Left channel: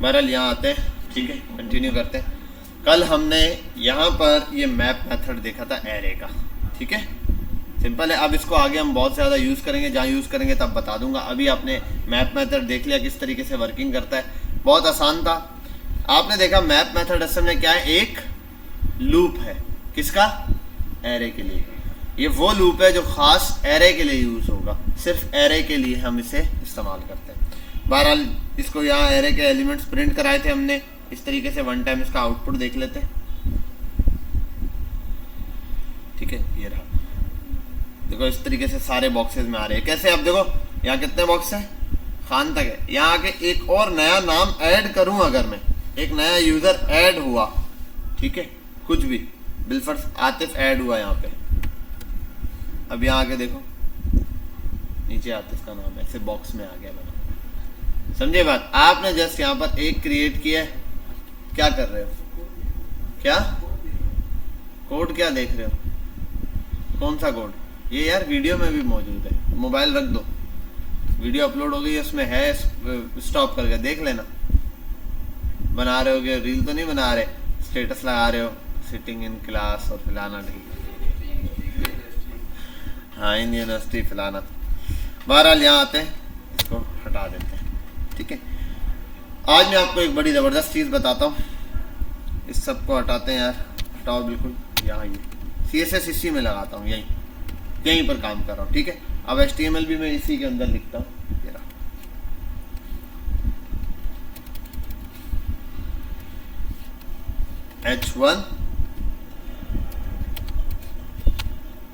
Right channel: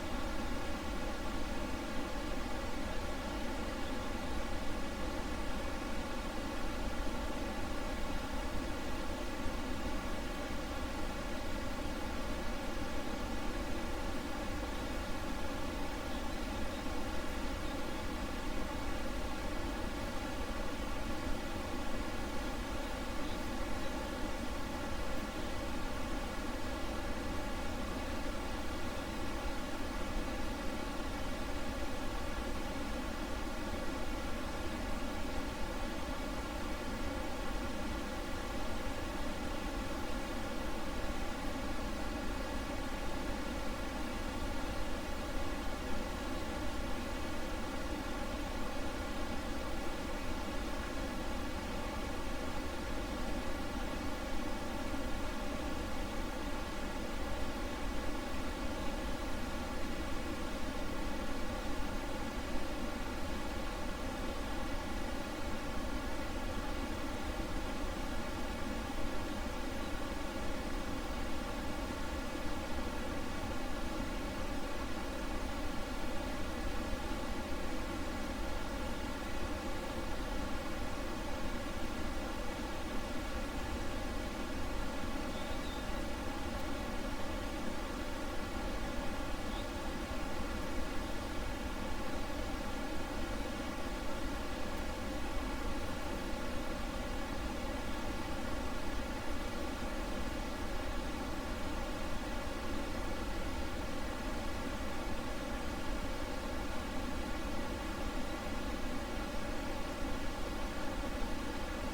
बहरहाल यहाँ आते हैं, ठीक है, कंटिन्यू करते हैं। कल हमने यहाँ पर ये मैप मेथड देखा था एरे का, ठीक है, सिंपल है। अब इसको आगे हम बहुत ज़्यादा यूज़ करेंगे, जहाँ यूज़ करेंगे तब बता दूंगा। अभी आपने मैप मेथड देख लिया किस तरीके से वर्किंग करता है, बहुत आसान था। आपने देखा मैप मेथड असल में क्या है, एक लूप है, किसका, एरे के लिए। ये वो लूप है जो ख़ास एरे के लिए यूज़ होगा, सिर्फ एरे के लिए हम इसे इस्तेमाल करते हैं। बहरहाल इसको यहाँ एरे के एलिमेंट्स प्रिंट कराए थे हमने, इस तरीके से वन टाइम इसका आउटपुट देख लेते हैं, ठीक है। ये देखो इस तरीके से सारे बॉक्सेस में आ रहे हैं। कैसे, अब देखो यहाँ कितने बॉक्स हैं, खान तक है। यहाँ आके एक और नया नाम ऐड करूँ, अगर मैं एक नया यूज़र ऐड हुआ, ठीक है, कुछ भी बिलफर्स आतिफ ऐड हुआ यहाँ पे, अब यहाँ आके देखो नीचे आतिफ का नाम ऐसे बॉक्स में आ गया, समझे बात। आपने जस्ट यहाँ पर एक क्रिएट किया है, क्या कर रहे हो, क्या कोड क्या देख रहे हो, कौन सा कोड, ये यार वीडियो में भी मौजूद है। मोबाइल रख दो, वीडियो अपलोड हो गई है, उसमें है, स्टॉप करके देख लेना। बना रहे होगे, रील तो नहीं बना रहे, स्टेटस लगा रहे हो, सिटिंग इन क्लास और फलाना, हाँ इन यूनिवर्सिटी फलाना। बहरहाल यहाँ आते हैं, इसको हटा देते हैं, ठीक है। आज मैं आपको एक बड़ी ज़बरदस्त चीज़ बताता हूँ, इस सब को हटाते हैं यार, हटाओ बिल्कुल। यहाँ CSS इसी में लगाता हूँ, यहीं पर काम कर रहा हूँ, ठीक है। अब HTML भी मैं इसी के अंदर लिखता हूँ।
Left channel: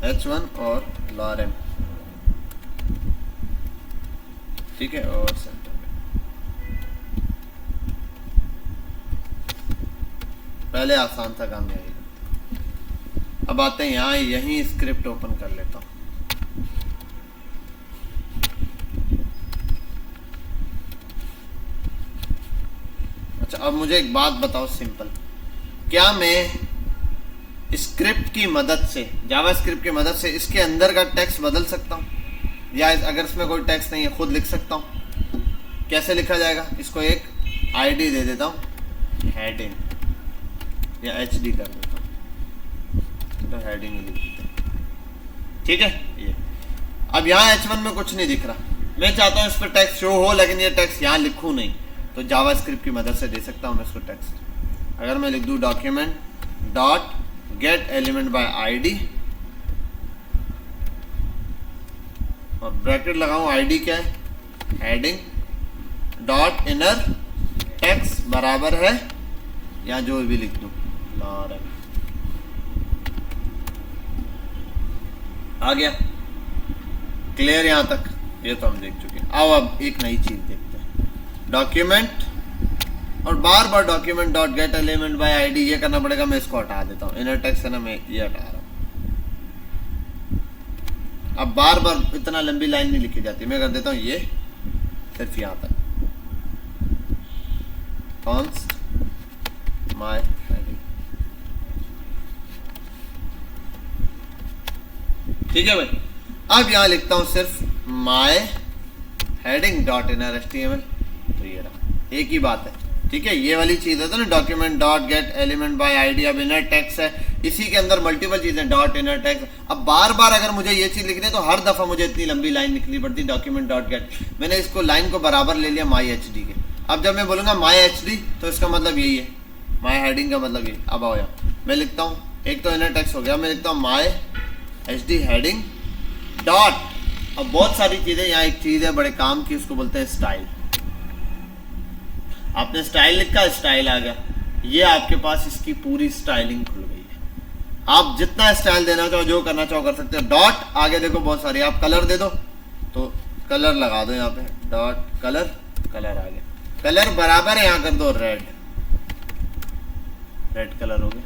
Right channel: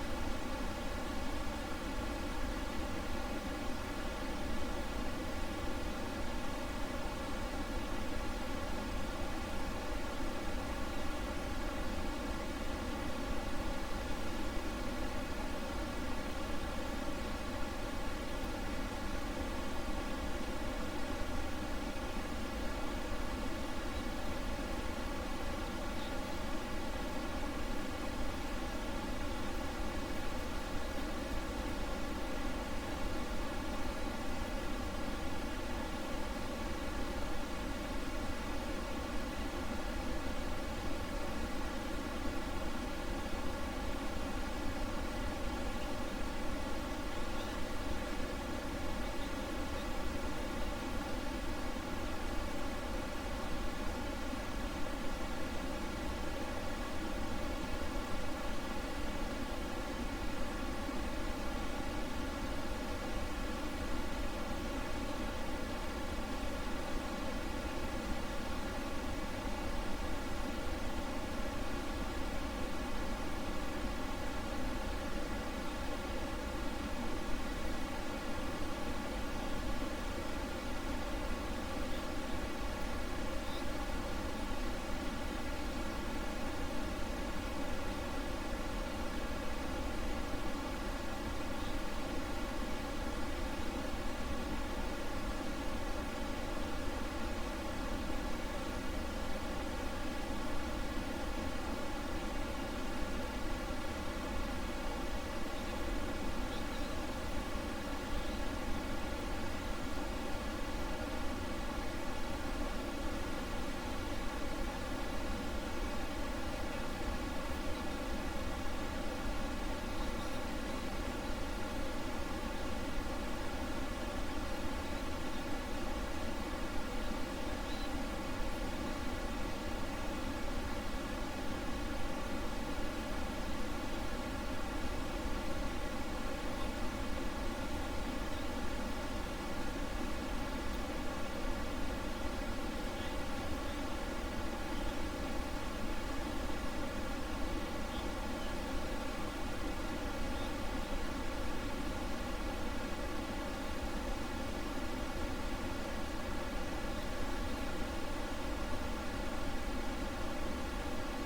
H1 और lorem, ठीक है, और पहले आसान था काम यही। अब आते हैं यहाँ, यही स्क्रिप्ट ओपन कर लेता हूँ। अच्छा, अब मुझे एक बात बताओ सिंपल, क्या मैं स्क्रिप्ट की मदद से, जावा स्क्रिप्ट की मदद से इसके अंदर का टेक्स्ट बदल सकता हूँ, या अगर इसमें कोई टेक्स्ट नहीं है खुद लिख सकता हूँ? कैसे लिखा जाएगा, इसको एक आईडी दे देता हूँ, हेडिंग, या HD कर देता हूँ, तो हेडिंग, ठीक है। ये अब यहाँ H1 में कुछ नहीं दिख रहा, मैं चाहता हूँ इस पर टेक्स्ट शो हो, लेकिन ये टेक्स्ट यहाँ लिखूँ नहीं, तो जावा स्क्रिप्ट की मदद से दे सकता हूँ मैं इसको टेक्स्ट। अगर मैं लिख दूँ document dot get element by ID और ब्रैकेट लगाऊं, ID क्या है, हेडिंग डॉट इनर टेक्स्ट बराबर है, या जो भी लिख दूं, आ गया क्लियर यहाँ तक, ये तो हम देख चुके हैं। अब एक नई चीज देखते हैं, डॉक्यूमेंट, और बार बार document dot get element by ID ये करना पड़ेगा, मैं इसको हटा देता हूँ, इनर टेक्स्ट है ना, मैं ये हटा रहा हूँ। अब बार बार इतना लंबी लाइन नहीं लिखी जाती, मैं कर देता हूँ ये सिर्फ यहाँ तक, कॉन्स्ट माय, ठीक है भाई। अब यहाँ लिखता हूँ सिर्फ my heading dot inner HTML, तो ये रहा, एक ही बात है, ठीक है। ये वाली चीज़ है तो ना, document dot get element by ID, अब इनर टेक्स्ट है, इसी के अंदर मल्टीपल चीज़ें, डॉट इनर टेक्स्ट। अब बार बार अगर मुझे ये चीज़ लिखनी है तो हर दफ़ा मुझे इतनी लंबी लाइन लिखनी पड़ती, डॉक्यूमेंट डॉट गेट, मैंने इसको लाइन को बराबर ले लिया माई HD के। अब जब मैं बोलूँगा माई HD तो इसका मतलब यही है, माई हेडिंग का मतलब ये। अब आओ यहाँ, मैं लिखता हूँ, एक तो इनर टेक्स्ट हो गया, मैं लिखता हूँ माई HD हेडिंग डॉट, अब बहुत सारी चीज़ें, यहाँ एक चीज़ है बड़े काम की, उसको बोलते हैं स्टाइल। आपने स्टाइल लिखा, स्टाइल आ गया, ये आपके पास इसकी पूरी स्टाइलिंग पूरी है। आप जितना स्टाइल देना चाहो, जो करना चाहो कर सकते हो। डॉट आगे देखो बहुत सारी, आप कलर दे दो तो कलर लगा दो यहाँ पे, डॉट कलर, कलर आ गया, कलर बराबर है यहाँ कर दो रेड, रेड कलर हो गया।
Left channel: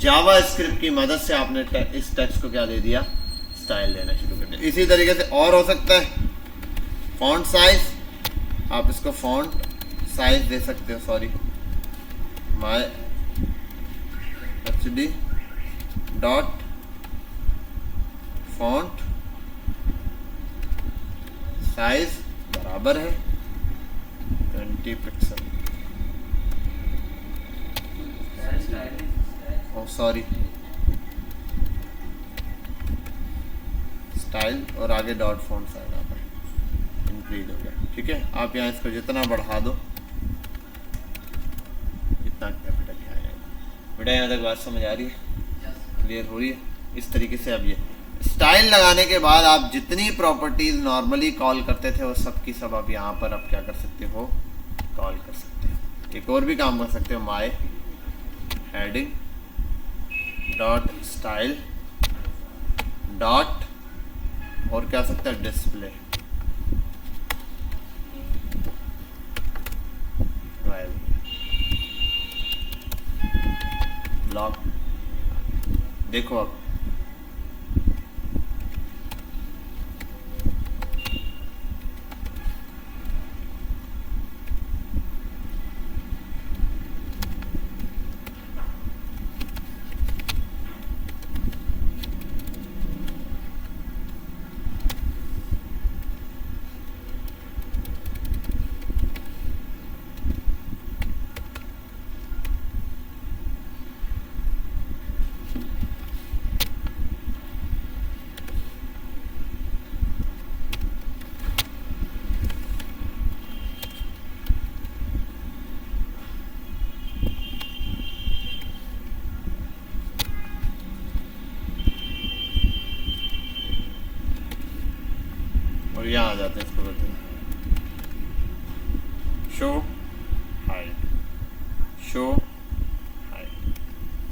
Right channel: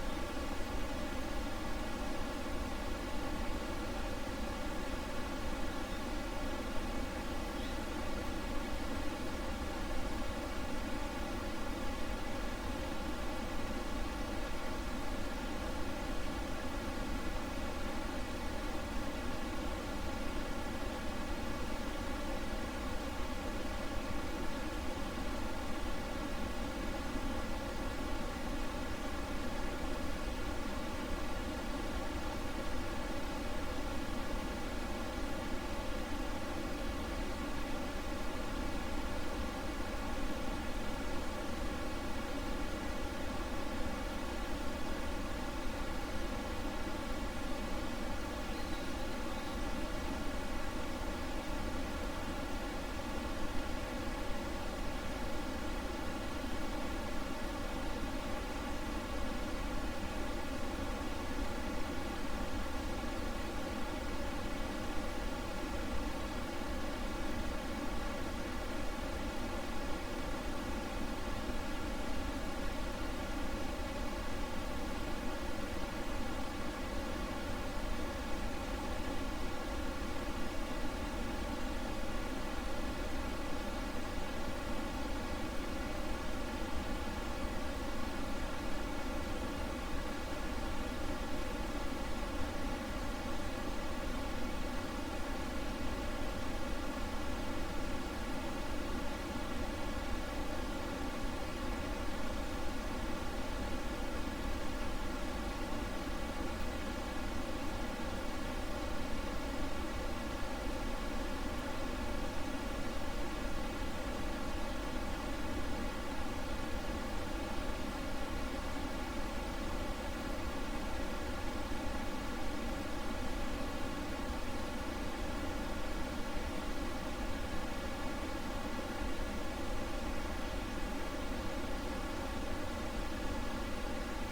जावा स्क्रिप्ट की मदद से आपने इस टेक्स्ट को क्या दे दिया, स्टाइल देना शुरू कर दिया। इसी तरीके से और हो सकता है, फॉन्ट साइज, आप इसको फॉन्ट साइज दे सकते हो, sorry my HD dot font size बराबर है 20 पिक्सल, सॉरी, स्टाइल और आगे डॉट फॉन्ट्स आ जाए। ठीक है, आप यहाँ इसको जितना बढ़ा दो इतना बेटा। यहाँ तक बात समझ आ रही है, क्लियर हो रही है? इस तरीके से अब ये स्टाइल लगाने के बाद आप जितनी प्रॉपर्टीज नॉर्मली कॉल करते थे वो सब की सब आप यहाँ पर आप क्या कर सकते हो, कॉल कर सकते हो। एक और भी काम कर सकते हो, my heading dot style dot और क्या सकता है, डिस्प्ले लॉक। देखो अब यहाँ आ जाते हैं, इसको बोलते हैं शो हाइड, शो हाइड।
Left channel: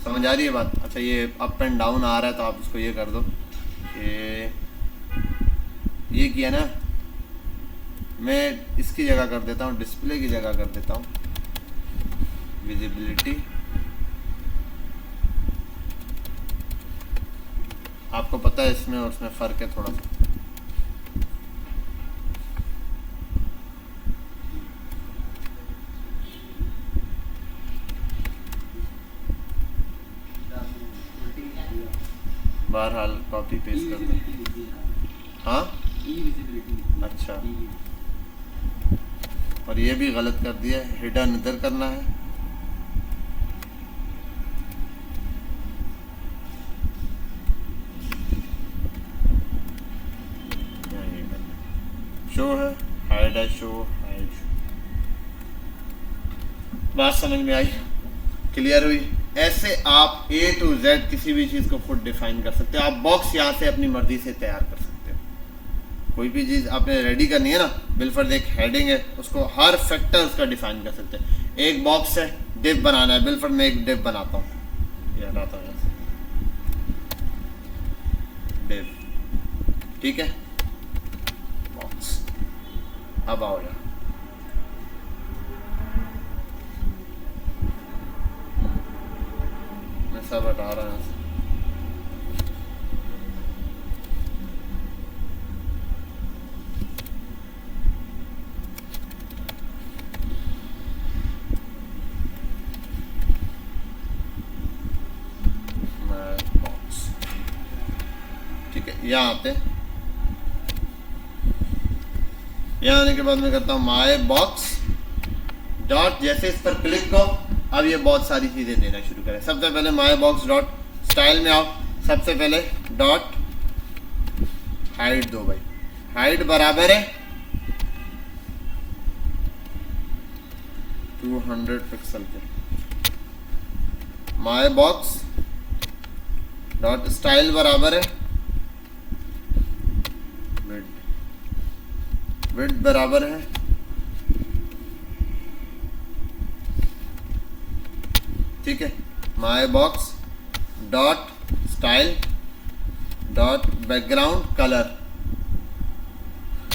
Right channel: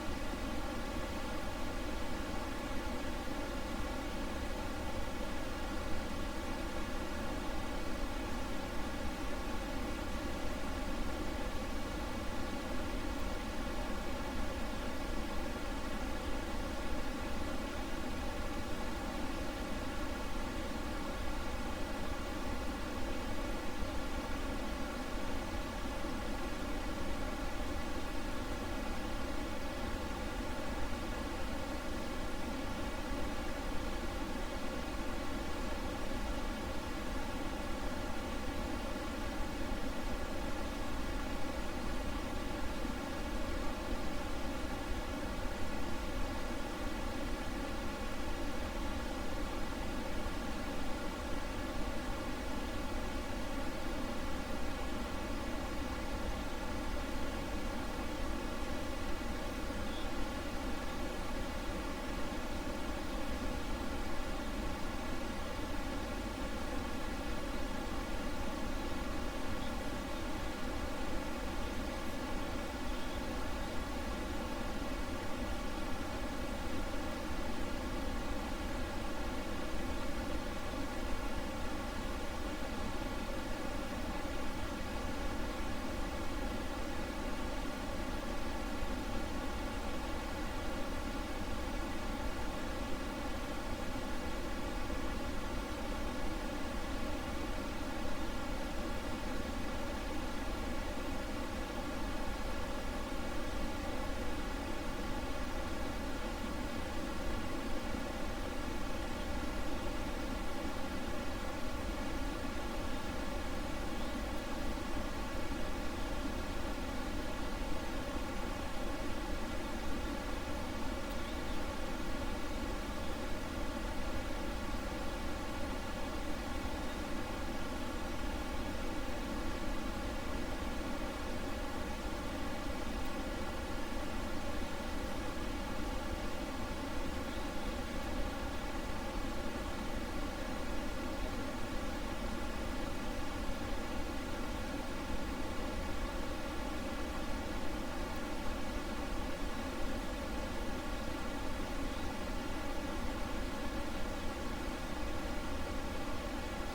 समझ आ रही है बात? अच्छा, ये अप एंड डाउन आ रहा है तो आप इसको ये कर दो, ये किया ना, मैं इसकी जगह कर देता हूँ, डिस्प्ले की जगह कर देता हूँ विजिबिलिटी। आपको पता है इसमें उसमें फ़र्क है थोड़ा सा। बहरहाल कॉपी पेस्ट कर दो। हाँ, अच्छा, और ये भी गलत कर दिया, हिडन इधर करना है। शो है, हाइड है, शो हाइड। बात समझ में आई? क्लियर हुई? ऐसे आप A to Z किसी भी चीज़ को खुद डिफाइन कर सकते हो। आप बॉक्स यहाँ से अपनी मर्जी से तैयार कर सकते हो। कोई भी चीज़ आपने रेडी करनी है ना, बिलफर्ज एक हेडिंग है, उसको हर फैक्टर उसका डिफाइन कर सकते हैं। एक बॉक्स है, डिव बनाना है, बिलफर्ज मैं एक डिव बनाता हूँ, ये हटाता हूँ डिव, ठीक है, बॉक्स। अब आओ यार, सब हटा रहा है। ठीक है, यहाँ आते हैं। यहाँ आने के बाद मैं करता हूँ माय बॉक्स डॉट, जैसे इस पर क्लिक करो अब ये बहुत सारी चीज़ें देना शुरू करें। सबसे पहले माय बॉक्स डॉट स्टाइल में आओ, सबसे पहले डॉट हाइट दो भाई, हाइट बराबर है 200 पिक्सल पे। माय बॉक्स डॉट स्टाइल बराबर है विड्थ बराबर है ठीक है, my box dot style dot background colour.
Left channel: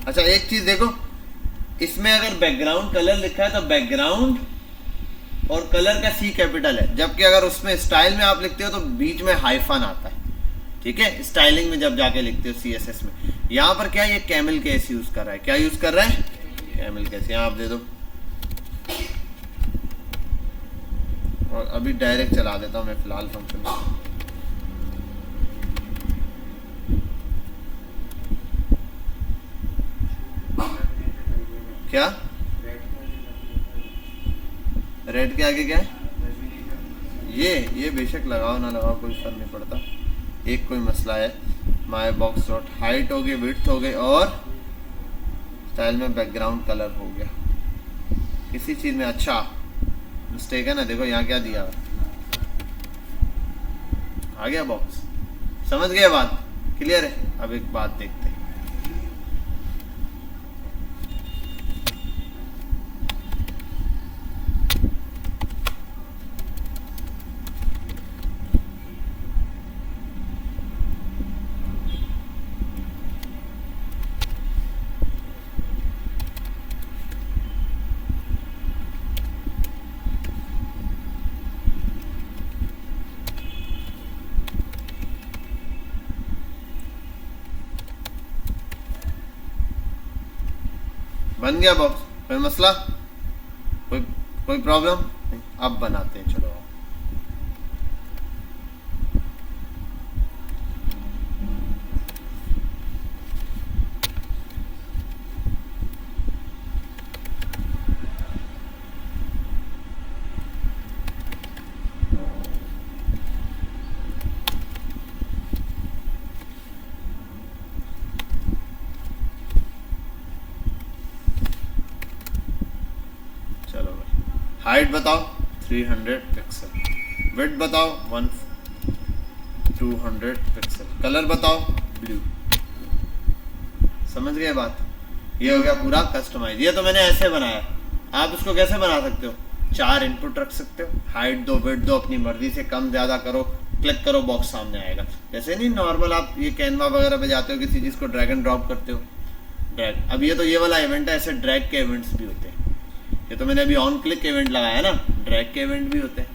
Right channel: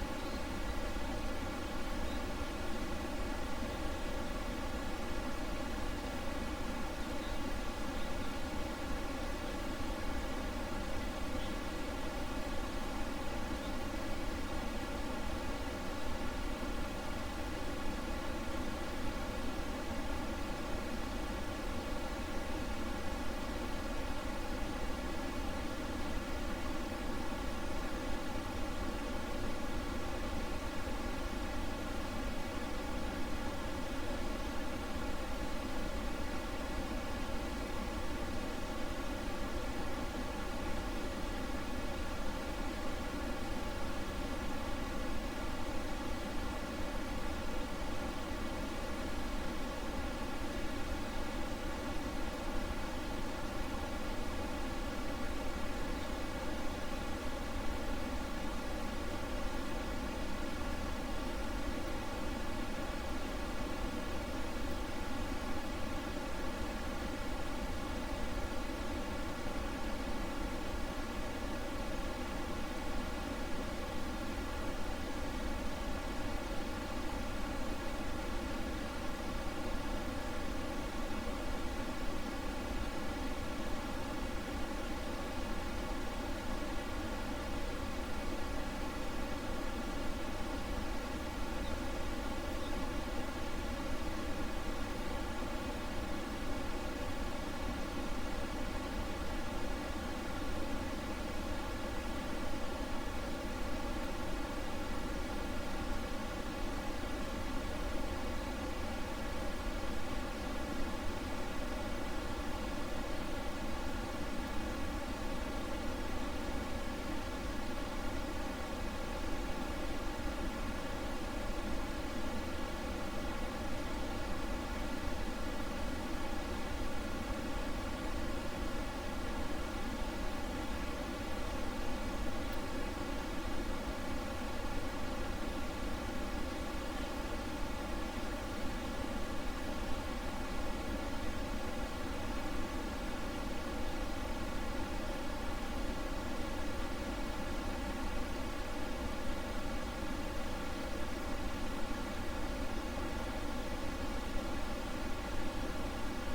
अच्छा एक चीज देखो, इसमें अगर बैकग्राउंड कलर लिखा है तो बैकग्राउंड और कलर का सी कैपिटल है, जबकि अगर उसमें स्टाइल में आप लिखते हो तो बीच में हाइफन आता है। ठीक है, स्टाइलिंग में जब जाके लिखते हो CSS में, यहाँ पर क्या ये कैमल केस यूज कर रहा है, क्या यूज कर रहा है, कैमल केस। यहाँ आप दे दो और अभी डायरेक्ट चला देता हूँ मैं फिलहाल फंक्शन। क्या रेड के आगे क्या है, ये बेशक लगाओ ना लगाओ कोई फर्क नहीं पड़ता। एक कोई मसला है, माई बॉक्स डॉट हाइट हो गई, विड्थ हो गई और स्टाइल में बैकग्राउंड कलर हो गया। किसी चीज़ में अच्छा मिस्टेक है ना, देखो यहाँ क्या दिया है, आ गया बॉक्स। समझ गए बात? क्लियर है? अब एक बात देखते हैं। बन गया बॉक्स, कोई मसला, कोई प्रॉब्लम? अब बनाते हैं, चलो। हाइट बताओ 300 पिक्सल, विड्थ बताओ 200 पिक्सल, कलर बताओ ब्लू। समझ गए बात? ये हो गया पूरा कस्टमाइज। ये तो मैंने ऐसे बनाया, आप इसको कैसे बना सकते हो? 4 इनपुट रख सकते हो, हाइट दो, विड्थ दो, अपनी मर्जी से कम ज़्यादा करो, क्लिक करो, बॉक्स सामने आएगा। जैसे नहीं नॉर्मल आप ये कैनवा वगैरह पे जाते हो, किसी चीज़ को ड्रैग एंड ड्रॉप करते हो, ड्रैग। अब ये तो ये वाला इवेंट है, ऐसे ड्रैग के इवेंट्स भी होते हैं। ये तो मैंने अभी ऑन क्लिक इवेंट लगाया ना, ड्रैग के इवेंट भी होते हैं।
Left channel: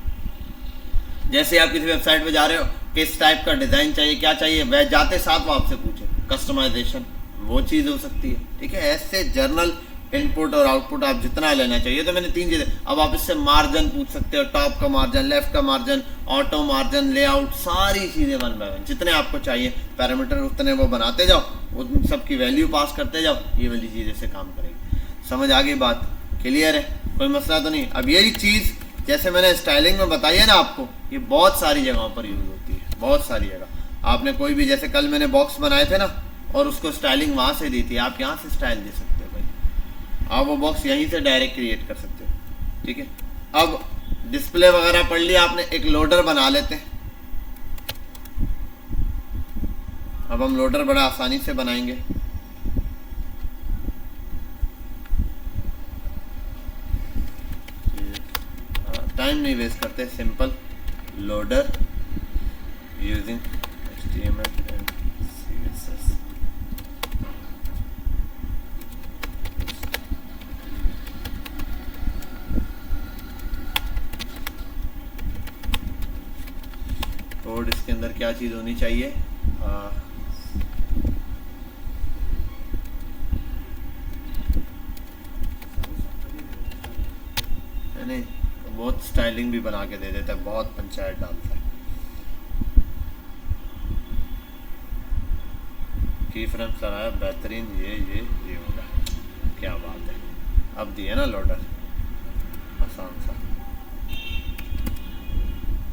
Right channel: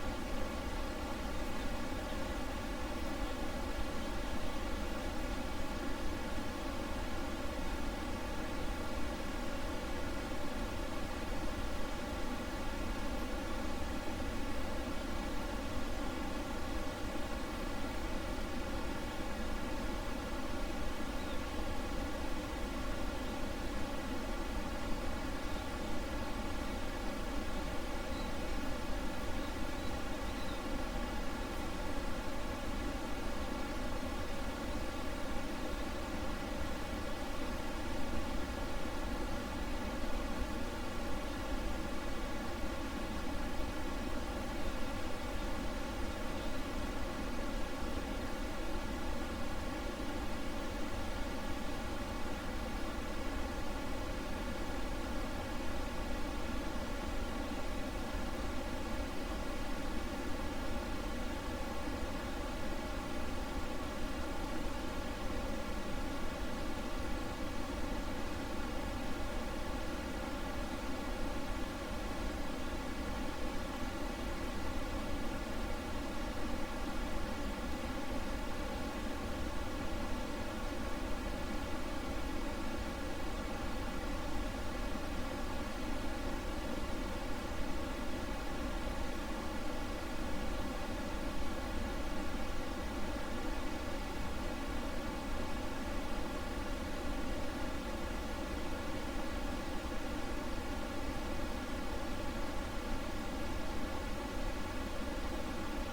जैसे आप किसी वेबसाइट पे जा रहे हो, किस टाइप का डिज़ाइन चाहिए, क्या चाहिए, वह जाते साथ वो आपसे पूछे, कस्टमाइजेशन वो चीज़ हो सकती है। ठीक है, ऐसे जर्नल इनपुट और आउटपुट आप जितना लेना चाहिए। तो मैंने 3 चीज़ें, अब आप इससे मार्जिन पूछ सकते हो, टॉप का मार्जिन, लेफ्ट का मार्जिन, ऑटो मार्जिन, लेआउट, सारी चीज़ें 1 बाय 1 जितने आपको चाहिए पैरामीटर उतने वो बनाते जाओ, उन सबकी वैल्यू पास करते जाओ, ये वाली चीज़ें से काम करेंगे। समझ आ गई बात? क्लियर है? कोई मसला तो नहीं? अब यही चीज़ जैसे मैंने स्टाइलिंग में बताई है ना आपको, ये बहुत सारी जगहों पर यूज़ होती है, बहुत सारी जगह। आपने कोई भी, जैसे कल मैंने बॉक्स बनाए थे ना, और उसको स्टाइलिंग वहाँ से दी थी, आप यहाँ से स्टाइल दे सकते हो भाई, आप वो बॉक्स यहीं से डायरेक्ट क्रिएट कर सकते हो। ठीक है, अब डिस्प्ले वगैरह पढ़ लिया आपने, एक लोडर बना लेते हैं। अब हम लोडर बड़ा आसानी से बनाएंगे। टाइम नहीं वेस्ट करते, simple loader using HTML and CSS। Code इसके अंदर क्या चीज़ होनी चाहिए? नहीं, बहुत स्टाइलिंग भी बना के दे देता है, बहुत पंचायत डालता है। की फ्रेम सर आया बेहतरीन, ये क्या बात है। अब दिए ना लोडर आसान सा।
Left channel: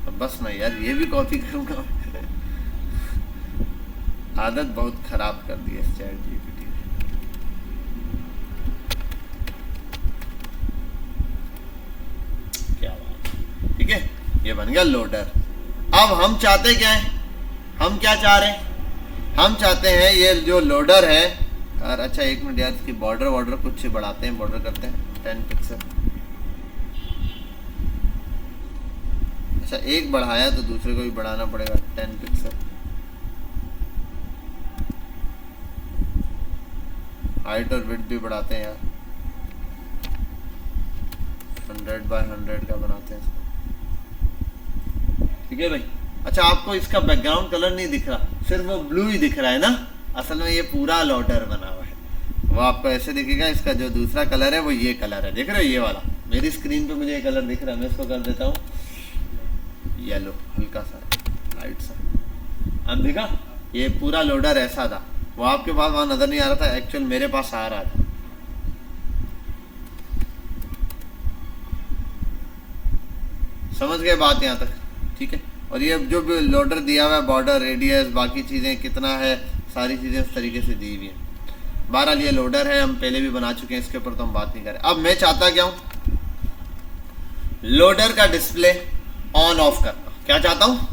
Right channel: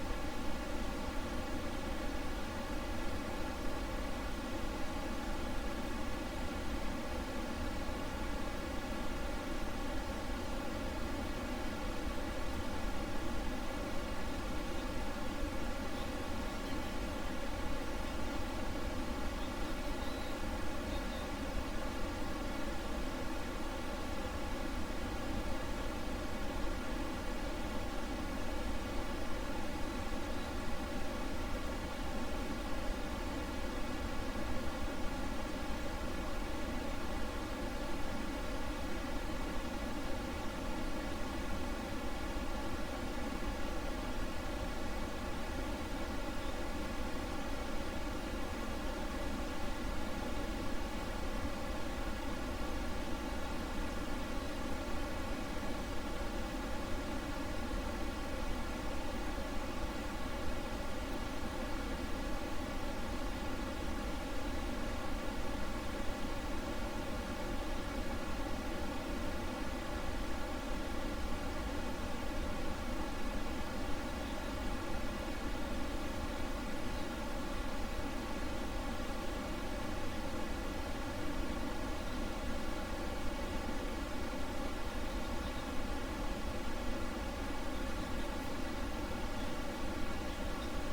तो बस मैं यार ये भी कॉपी करूँगा, आदत बहुत ख़राब कर दी है इस चैट की। ठीक है, ये बन गया लोडर। अब हम चाहते क्या है, हम क्या चाह रहे हैं? हम चाहते हैं ये जो लोडर है, और अच्छा 1 मिनट यार, इसकी बॉर्डर कुछ बढ़ाते हैं, बॉर्डर करते हैं 10 पिक्सल। अच्छा, एक बढ़ाया तो दूसरे को भी बढ़ाना पड़ेगा 10 पिक्सल। हाइट और विड्थ भी बढ़ाते हैं यार, 100 बाय 100 का बनाते हैं। ठीक है भाई। अच्छा, आपको इसका बैकग्राउंड कलर नहीं दिख रहा, सिर्फ वो ब्लू ही दिख रहा है ना, असल में ये पूरा लोडर बना हुआ है। वो आपको ऐसे दिखेगा, इसका जो दूसरा कलर है वो ये कलर है, देख रहे हो ये वाला। मेरी स्क्रीन पे मुझे ये कलर दिख रहा है, मैं इसको कर देता हूँ येलो, हल्का सा लाइट सा। अब दिखा, ये पूरा लोडर ऐसा था, वो आपके पास वहाँ नज़र नहीं आ रहा था, एक्चुअल मेरे पास आ रहा था। समझ गए बात यहाँ तक? ठीक है। और ये जो भी लोडर दिया हुआ है, बॉर्डर, रेडियस, बाकी चीज़ें कितना है, सारी चीज़ें उस तरीके से दी हुई है। बहरहाल ये लोडर है, हम पहले भी बना चुके हैं, इसके ऊपर तो हम बात नहीं करें। अब मैं चाहता क्या हूँ, लोडर का डिस्प्ले ऑन ऑफ करना। क्या चाहता हूँ,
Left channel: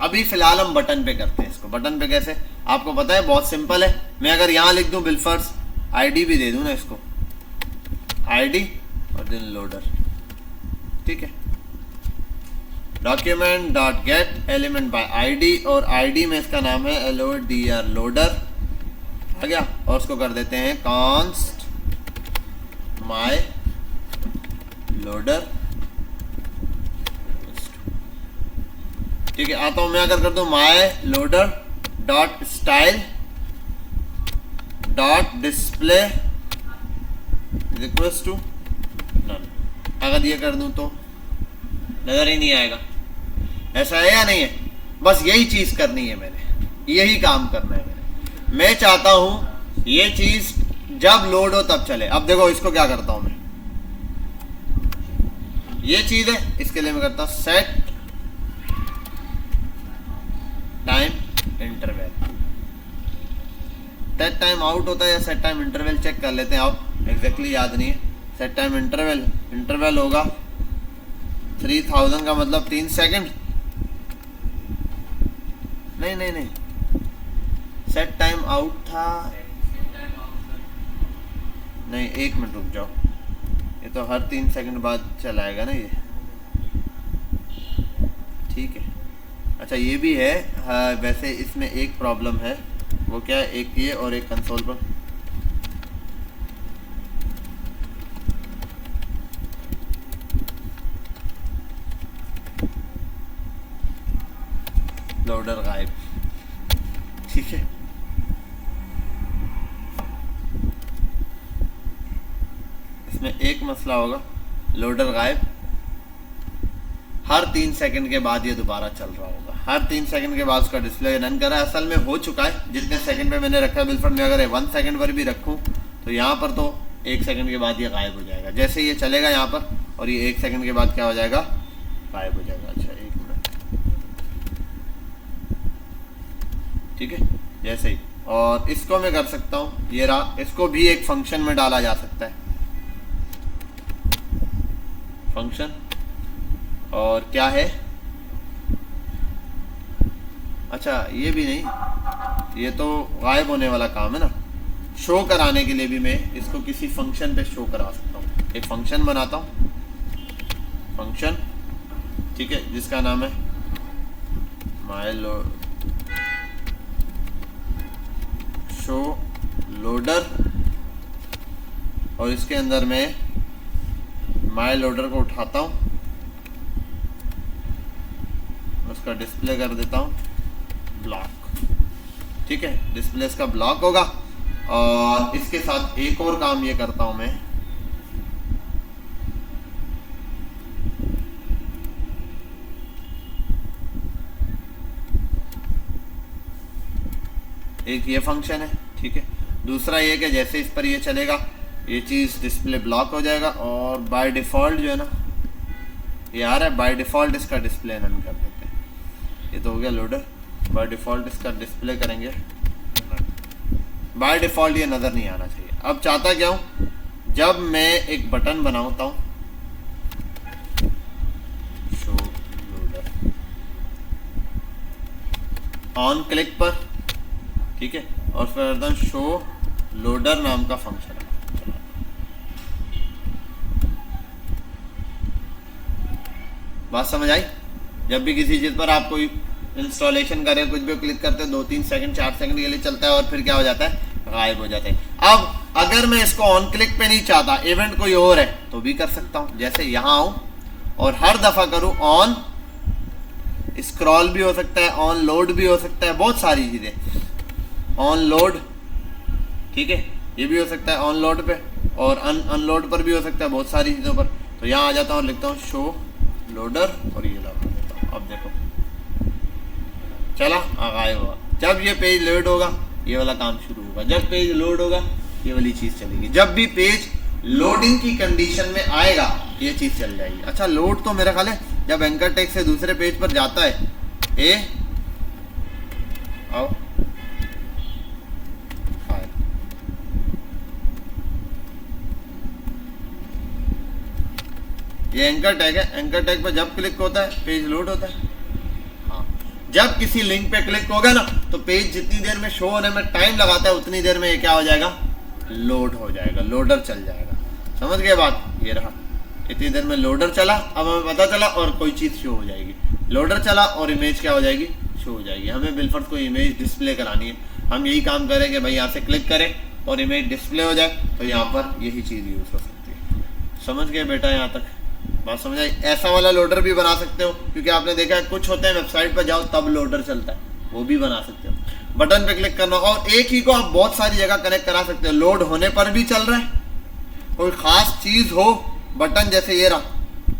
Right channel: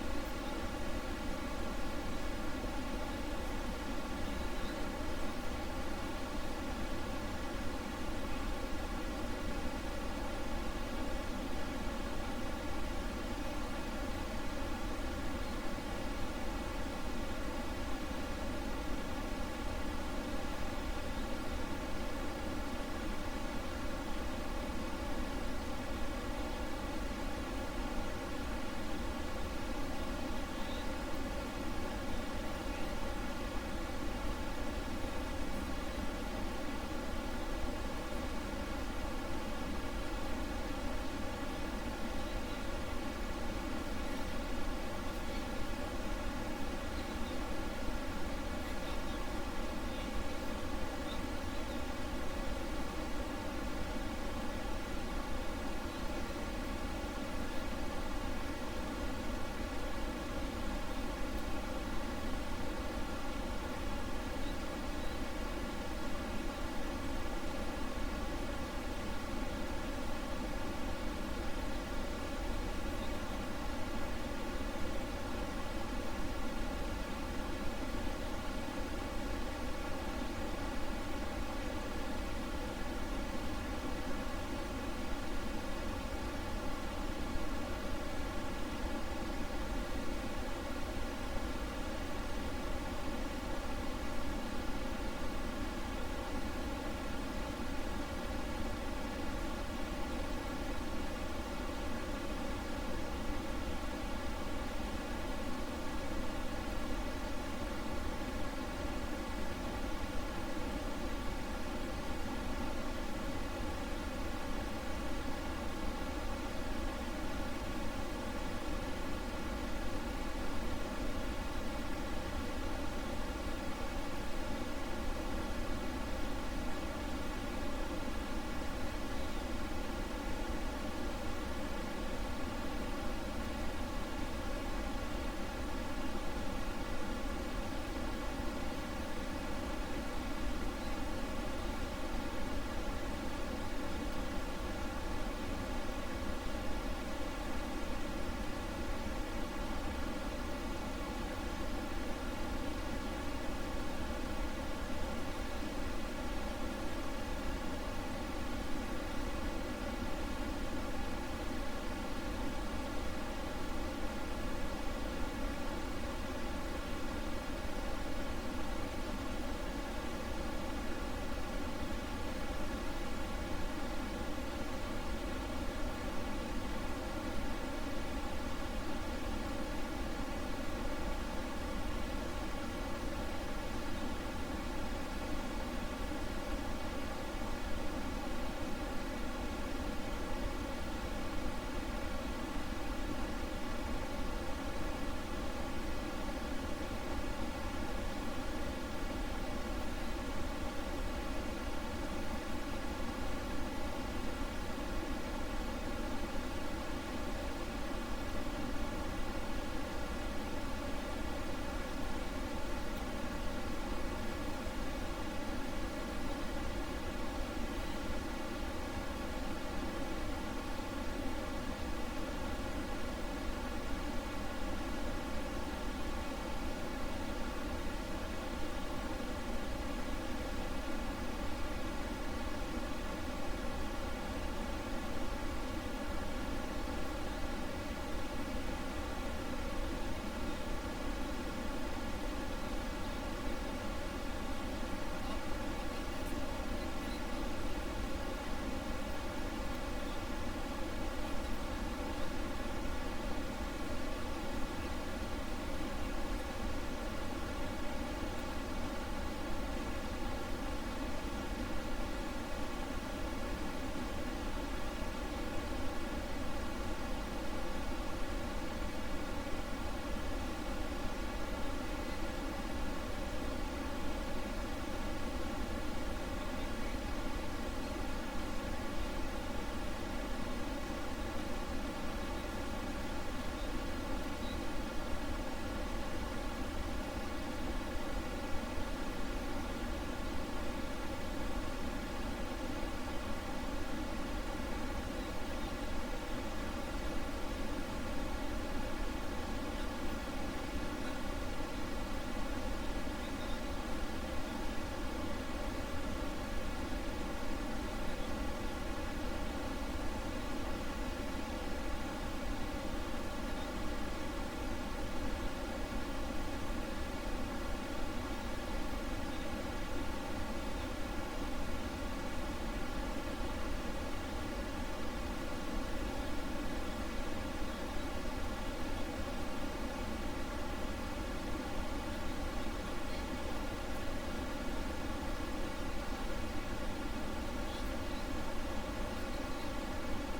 अभी फिलहाल हम बटन पे करते हैं इसको। बटन पे कैसे, आपको पता है, बहुत सिंपल है। मैं अगर यहाँ लिख दूँ बिलफर्स, आईडी भी दे दूँ ना इसको, आईडी और देन लोडर, ठीक है। Document dot get element bye ID, और आईडी में इसका नाम है LODR, लोडर आ गया। और उसको कर देते हैं कॉन्स्ट माय लोडर, ठीक है। आता हूं मैं, अगर कर दूं my loader dot style dot display equals to none, अगर ये कर दूं तो नजर ही नहीं आएगा। ऐसा है या नहीं है? बस यही चीज करनी है मैंने, यही काम करना है मैंने। मैं चाहता हूं ये चीज जब लोड हो तब चले। अब देखो इसको क्या करता हूं मैं, ये चीज है, इसके लिए मैं करता हूं set time interval. Set time out होता है या सेट टाइम इंटरवल, चेक कर लेते हैं। आप एग्जैक्टली याद नहीं है। सेट टाइम इंटरवल, इंटरवल होगा 3000 का मतलब 3 सेकंड। नहीं नहीं नहीं, सेट टाइम आउट था, नहीं 1 मिनट रुक जाओ, ये तो हर 3 सेकंड बाद चलाएगा ना ये, ठीक है। अच्छा ये भी है, हाँ वैसे इसमें एक प्रॉब्लम है, वो क्या है, एक ये और एक कंसोल पर लोडर गायब, ठीक है। इसमें एक मसला होगा, लोडर गायब, हर 3 सेकंड के बाद ये दोबारा चल रहा होगा, हर 3 सेकंड के बाद उसका डिस्प्ले रन कर रहा है। असल में हो चुका है, जितने सेकंड पे मैंने रखा है बिलफर्ड में, अगर 1 सेकंड पर भी रखूँ तो यहाँ पर तो 1 सेकंड के बाद ये गायब हो जाएगा। जैसे ये चलेगा यहाँ पर, और ये 1 सेकंड के बाद क्या हो जाएगा, गायब हो जाएगा। अच्छा ठीक है, जैसे ही। और इसको मैं कर सकता हूँ, ये रहा, इसको भी एक फंक्शन में डाला जा सकता है, फंक्शन। और क्या है, अच्छा ये भी नहीं, ये तो गायब होने वाला काम है ना। शो कराने के लिए भी मैं इसको किसी फंक्शन पे शो करा सकता हूँ। एक फंक्शन बनाता हूँ, फंक्शन, ठीक है, जिसका नाम है माय लोड शो लोडर, और इसके अंदर मैं माय लोडर को उठाता हूँ, उसका डिस्प्ले कर देता हूँ ब्लॉक, ठीक है। डिस्प्ले इसका ब्लॉक होगा। और इसके साथ एक और काम ये करता हूँ मैं, एक ये फंक्शन है, ठीक है। दूसरा ये कि जैसे इस पर ये चलेगा, ये चीज़ डिस्प्ले ब्लॉक हो जाएगा, और बाय डिफ़ॉल्ट जो है ना, ये आ रहा है, बाय डिफ़ॉल्ट इसका डिस्प्ले रन कर देते हैं। ये तो हो गया लोडर, बाय डिफ़ॉल्ट इसका डिस्प्ले करेंगे, बाय डिफ़ॉल्ट ये नज़र नहीं आना चाहिए। अब चाहता क्या हूँ, जब मैं एक बटन बनाता हूँ, ऑन क्लिक पर, ठीक है, और फिर शो लोडर नाम का फंक्शन है। बात समझ आई? जब भी किसी चीज़ पर आप कोई इंस्टॉलेशन करें, कुछ भी क्लिक करते हैं, 2-3 सेकंड 4 सेकंड के लिए चलता है, और फिर क्या हो जाता है, गायब हो जाता है। अब अगर मैं इसको ऑन क्लिक पे नहीं चाहता, इवेंट कोई और है, तो भी कर सकता हूँ। जैसे यहाँ आऊँ और हर दफ़ा करूँ ऑन स्क्रॉल भी हो सकता है, ऑन लोड भी हो सकता है, बहुत सारी चीज़ें। ऑन लोड, ठीक है, ये भी हो सकता है ऑन लोड पे, और अनलोड पर भी हो सकता है, बहुत सारी चीज़ों पर। तो यहाँ आ जाता हूँ और लिखता हूँ शो लोडर, और ये लगा देता हूँ। अब देखो चला, गायब हुआ। जब ये पेज लोड होगा, ये वाला काम शुरू होगा। जब पेज लोड होगा, ये वाली चीज़ चलेगी। जब भी पेज लोडिंग की कंडीशन में आएगा, ये चीज़ चल जाएगी। अच्छा लोड तो मेरा ख्याल है जब एंकर टेक्स्ट से दूसरे पेज पर जाता है, ए आओ ये एंकर टैग है, एंकर टैग पर जब क्लिक होता है पेज लोड होता है। हाँ। जब किसी लिंक पे क्लिक होगा ना तो पेज जितनी देर में शो होने में टाइम लगाता है उतनी देर में ये क्या हो जाएगा, लोड हो जाएगा, लोडर चल जाएगा। समझ गए बात, ये रहा इतनी देर में लोडर चला, अब हमें पता चला और कोई चीज़ शो हो जाएगी। लोडर चला और इमेज क्या हो जाएगी, शो हो जाएगी। हमें बिलफर्ज कोई इमेज डिस्प्ले करानी है, हम यही काम करें कि भाई यहाँ से क्लिक करें और इमेज डिस्प्ले हो जाए, तो यहाँ पर यही चीज़ यूज़ हो सकती है। समझ गए बेटा, यहाँ तक बात समझ आई। ऐसा वाला लोडर भी बना सकते हो, क्योंकि आपने देखा है कुछ होते हैं वेबसाइट पर जाओ तब लोडर चलता है, वो भी बना सकते हो। बटन पे क्लिक करना और एक ही को आप बहुत सारी जगह कनेक्ट करा सकते हो। लोड होने पर भी चल रहा है, कोई खास चीज़ हो, बटन जैसे ये रहा,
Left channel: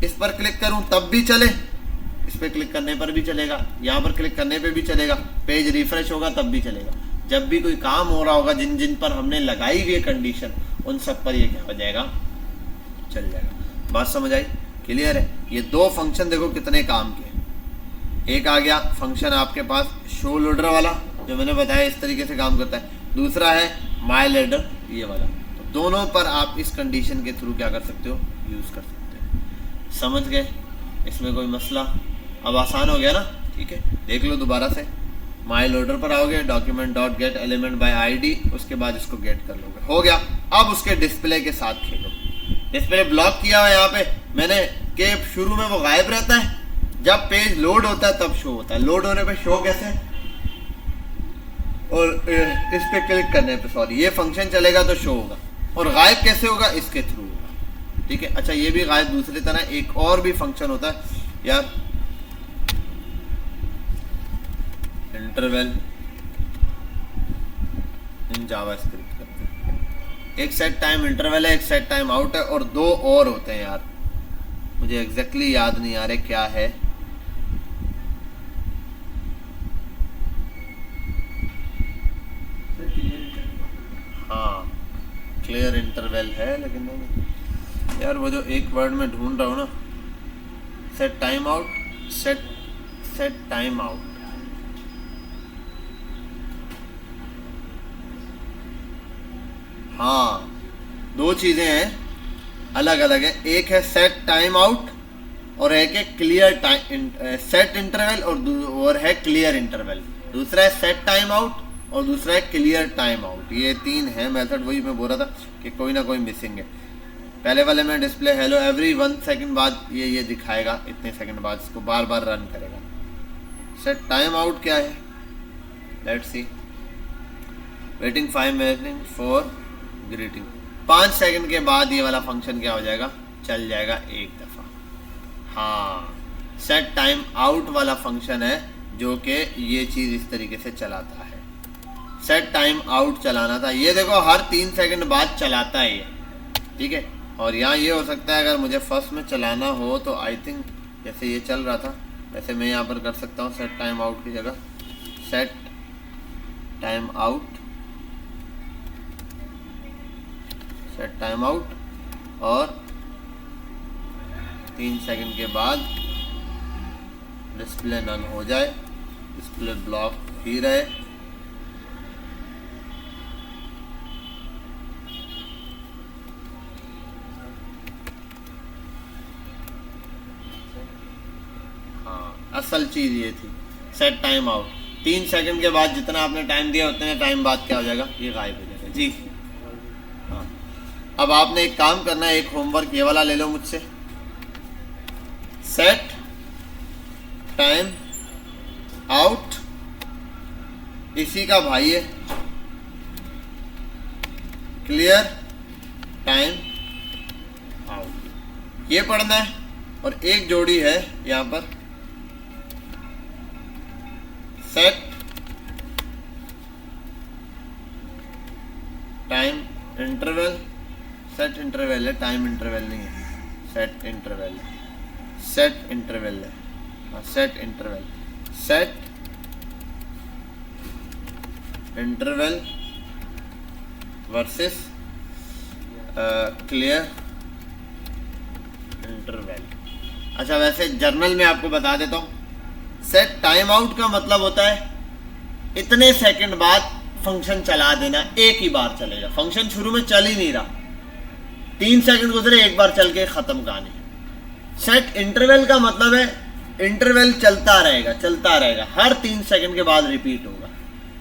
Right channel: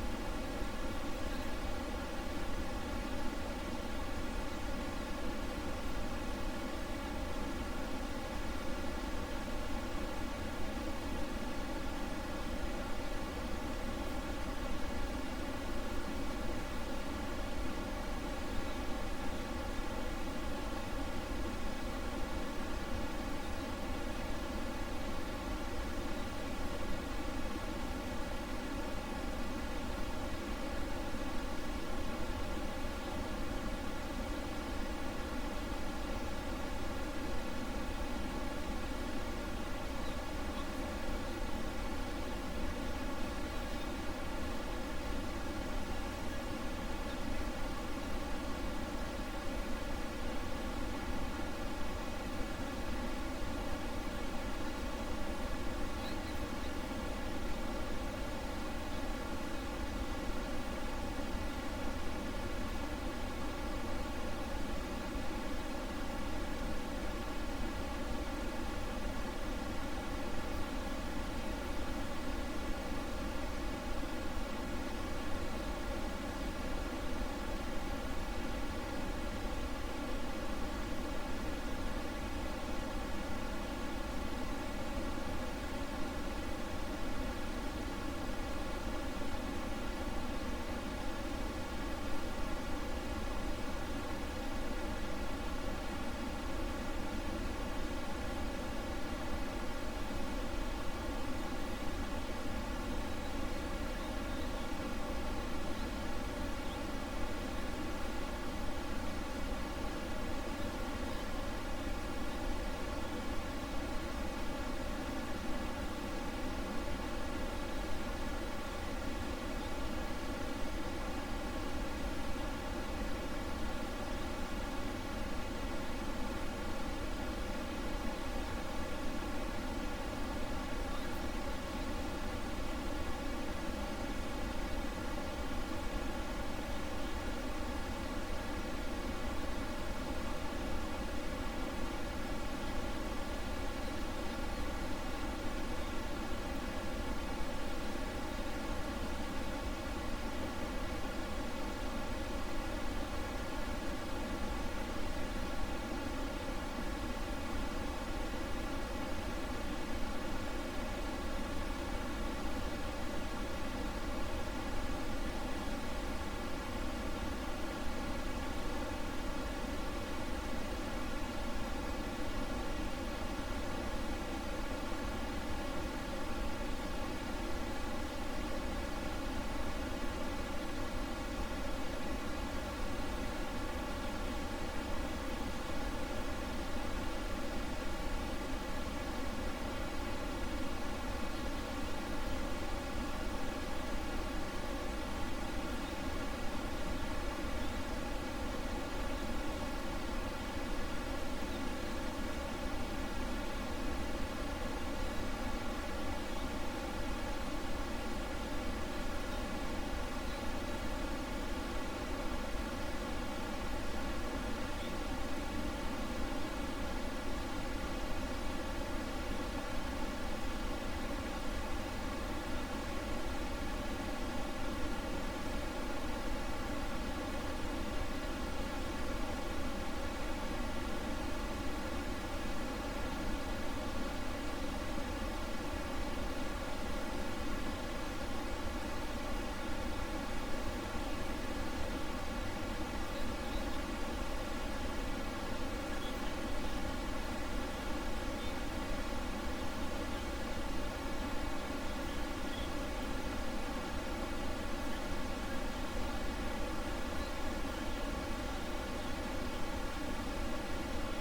इस पर क्लिक करूं तब भी चले, इस पर क्लिक करने पर भी चलेगा, यहाँ पर क्लिक करने पे भी चलेगा, पेज रिफ्रेश होगा तब भी चलेगा। जब भी कोई काम हो रहा होगा जिन जिन पर हमने लगाई हुई कंडीशन, उन सब पर ये क्या हो जाएगा, चल जाएगा। बात समझ आई, क्लियर है। ये दो फंक्शन देखो कितने काम के। एक आ गया फंक्शन आपके पास शो लोडर वाला, जो मैंने बताया इस तरीके से काम करता है। दूसरा है माई लोडर, ये वाला। दोनों पर आप इस कंडीशन के थ्रू क्या कर सकते हो, यूज़ कर सकते हो। समझ गए, इसमें कोई मसला, अब आसान हो गया ना, ठीक है। देख लो दोबारा से, माई लोडर पर आओगे, document dot get element bye ID, उसके बाद इसको गेट कर लोगे, हो गया। अब उसके डिस्प्ले के साथ खेलो। डिस्प्ले ब्लॉक किया हुआ है यहाँ पे मैंने, के शुरू में वो गायब रहता है, जब पेज लोड होता है तब शो होता है। लोड होने पे शो कैसे, और इस पे क्लिक करने पे, सॉरी, ये फंक्शन चलेगा तो शो होगा। और गायब कैसे होगा, इसके थ्रू, ठीक है। अच्छा ये भी गायब दूसरी तरह एक और भी फंक्शन होता है यार, इंटरवल इन जावास्क्रिप्ट। एक सेट टाइम इंटरवल है, एक सेट टाइम आउट है, और दो और होते हैं यार, मुझे एग्जैक्टली याद नहीं आ रहे क्या है। हाँ क्लियर इंटरवल है, लेकिन यार वो जो एक वर्ड में ढूंढ रहा हूँ ना, set time out, set time out. हाँ दो चीज़ें हैं, अलग अलग है। एक है सेट टाइम आउट और एक है क्लियर टाइम, सेट इंटरवल और है क्लियर इंटरवल। दूसरा है सेट टाइम आउट और दूसरा है क्लियर टाइम आउट। ये तीन है मेथड, वही मैं बोल रहा था कि कोई ना कोई मिसिंग है। पहले वाले में डिस्प्ले हेलो एवरी 1 सेकंड बाद ये दिखाएगा, इतने सेकंड बाद इसको बार बार रन करेगा। सेट टाइम आउट क्या है, let's see, waiting 5 minute for greeting. 5 second के बाद ये वाला फंक्शन क्या हो जाएगा, चल जाएगा एक दफ़ा। हाँ सेट टाइम आउट वाला फंक्शन है जो कि ये चीज़ इस तरीके से चलाता है। सेट टाइम आउट चलाना था, ये देखो हर 3 सेकंड बाद चलाता है ये, ठीक है। और यहाँ ये हो सकता है अगर मुझे फर्स्ट में चलाना हो तो आई थिंक जैसे ये चल रहा था वैसे मैं यहाँ पर कर सकता हूँ, सेट टाइम आउट की जगह set time out, set time out, और 3 सेकंड के बाद डिस्प्ले नन हो जाए, डिस्प्ले ब्लॉक ही रहे। असल चीज़ ये थी सेट टाइम आउट। 3 सेकंड के बाद जितना आपने टाइम दिया उतने टाइम बाद क्या हो जाएगा, ये गायब हो जाएगा जी। हाँ अब आपने एक काम करना है, एक होमवर्क ये वाला ले लो मुझसे, सेट टाइम आउट इसी का भाई है क्लियर टाइम आउट, ये पढ़ना है। और एक जोड़ी है यहाँ पर set time interval, set interval है, टाइम इंटरवल नहीं है, सेट इंटरवल, सेट इंटरवल है, set interval, set interval versus clear अच्छा वैसे जर्नल में आपको बता देता हूँ, सेट टाइम आउट का मतलब होता है इतने सेकंड बाद फंक्शन चला देना, एक ही बार चलेगा, फंक्शन शुरू में चल ही नहीं रहा, 3 सेकंड गुजरे एक बार चल के खत्म कहानी। सेट इंटरवल का मतलब है इंटरवल चलता रहेगा, हर 3 सेकंड के बाद रिपीट होगा,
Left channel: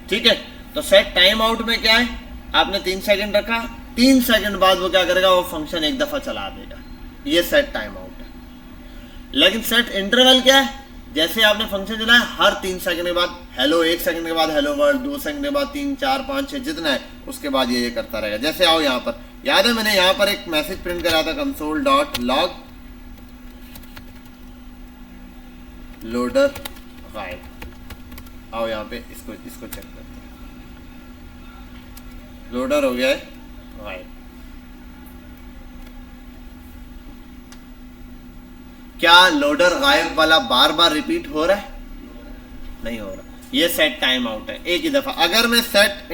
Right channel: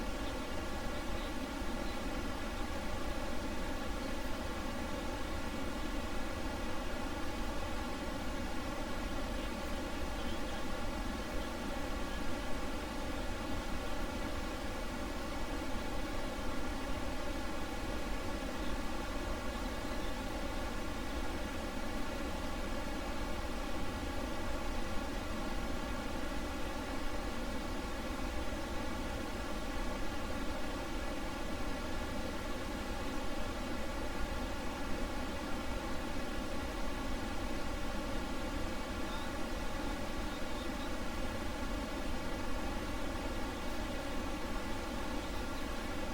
ठीक है। तो सेट टाइम आउट में क्या है, आपने 3 सेकंड रखा, 3 सेकंड बाद वो क्या करेगा, वो फंक्शन एक दफा चला देगा, ये सेट टाइम आउट। लेकिन सेट इंटरवल क्या है, जैसे आपने फंक्शन चलाया हर 3 सेकंड के बाद हेलो, 1 सेकंड के बाद हेलो वर्ल्ड, 2 सेकंड के बाद 3 4 5 6 जितना है उसके बाद ये करता रहेगा। जैसे आओ यहाँ पर, याद है मैंने यहाँ पर एक मैसेज प्रिंट करा था, console dot log loader file. आओ यहाँ पे इसको चेक, लोडर हो गया है फाइल। क्या लोडर गायब वाला बार बार रिपीट हो रहा है? नहीं हो रहा, ये सेट टाइम आउट है, एक ही दफा। अगर मैं सेट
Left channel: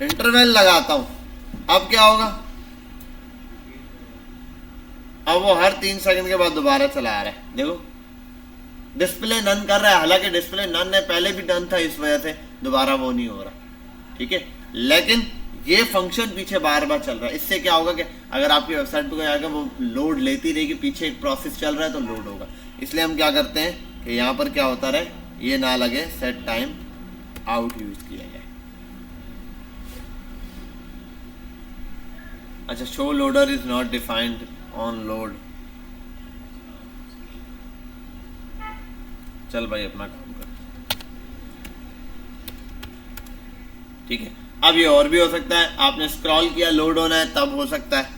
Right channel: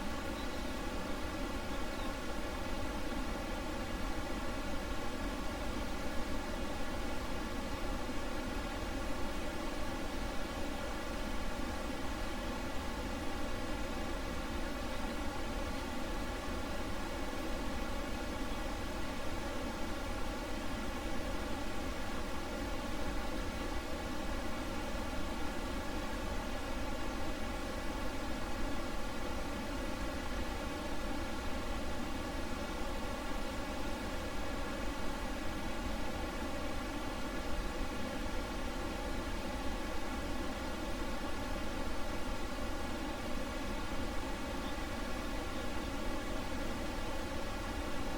इंटरवल लगाता हूं, अब क्या होगा, अब वो हर 3 सेकंड के बाद दोबारा चला रहा है। देखो डिस्प्ले नन कर रहा है, हालांकि डिस्प्ले नन है, पहले भी नन था, इस वजह से दोबारा वो नहीं हो रहा, ठीक है। लेकिन ये फंक्शन पीछे बार बार चल रहा है। इससे क्या होगा कि अगर आपकी वेबसाइट पे आएगा वो लोड लेती रहेगी, पीछे एक प्रोसेस चल रहा है तो लोड होगा। इसलिए हम क्या करते हैं कि यहाँ पर क्या होता रहे, ये ना लगे, सेट टाइम आउट यूज किया जाए। अच्छा, show loader is not defined on load. चल भाई अपना, ठीक है। अब ये और भी हो सकता है, आपने स्क्रॉल किया, लोड होना है तब हो सकता है,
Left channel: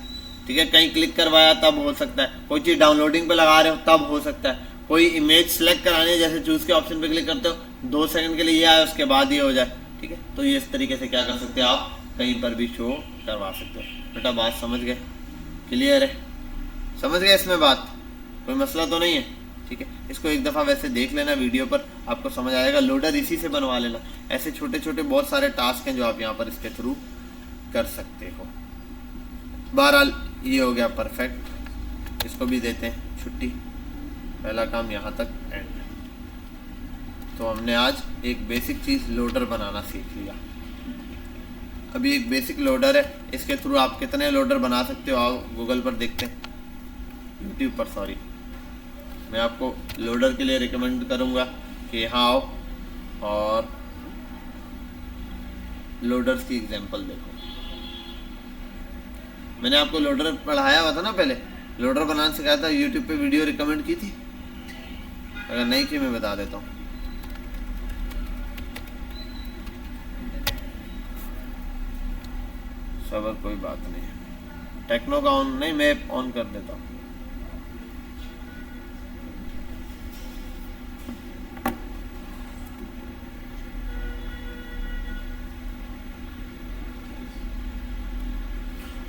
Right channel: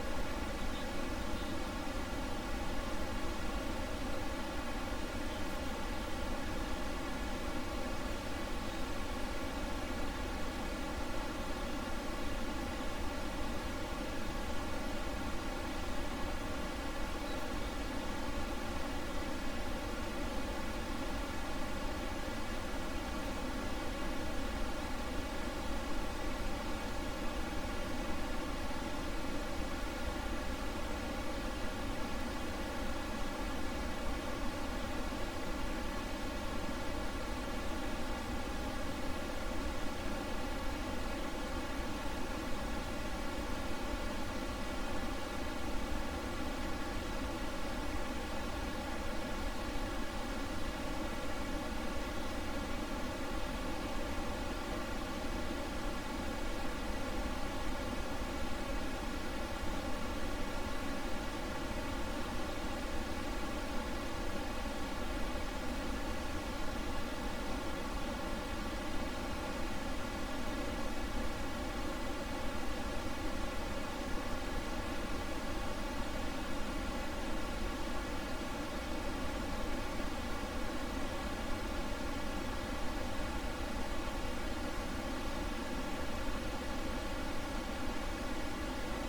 ठीक है। कहीं क्लिक करवाया तब हो सकता है, कोई चीज़ डाउनलोडिंग पे लगा रहे हो तब हो सकता है, कोई इमेज सेलेक्ट करानी है, जैसे चूज के ऑप्शन पे क्लिक करते हो 2 सेकंड के लिए ये आए, उसके बाद ये हो जाए, ठीक है। तो ये इस तरीके से क्या कर सकते हो, आप कहीं पर भी शो करवा सकते हो। बेटा बात समझ गए, क्लियर है, समझ गए इसमें बात, कोई मसला तो नहीं है, ठीक है। इसको एक दफ़ा वैसे देख लेना वीडियो पर, आपको समझ आएगा। लोडर इसी से बनवा लेना, ऐसे छोटे छोटे बहुत सारे टास्क हैं जो आप यहाँ पर इसके थ्रू कर सकते हो। बहरहाल ये हो गया परफेक्ट, इसको भी देते हैं छुट्टी, पहला काम यहाँ तक एंड। तो हमने आज एक बेसिक चीज़ लोडर बनाना सीख लिया। अभी एक बेसिक लोडर है, इसके थ्रू आप कितने लोडर बना सकते हो, आओ गूगल पर देखते हैं, यूट्यूब पर सॉरी। मैं आपको लोडर के लिए रिकमेंड करूँगा कि यहाँ आओ और लोडर्स की एग्जांपल दो। मैंने आपको लोडर पढ़ाया हुआ था ना, पहले लोडर बनाना सिखाया था, यूट्यूब पे वीडियो रिकमेंड की थी, अगर नहीं की मैं बता देता हूँ। सबर कोई बात नहीं, टेक्नो का ऑन नहीं, मैं ऑन कर देता हूँ।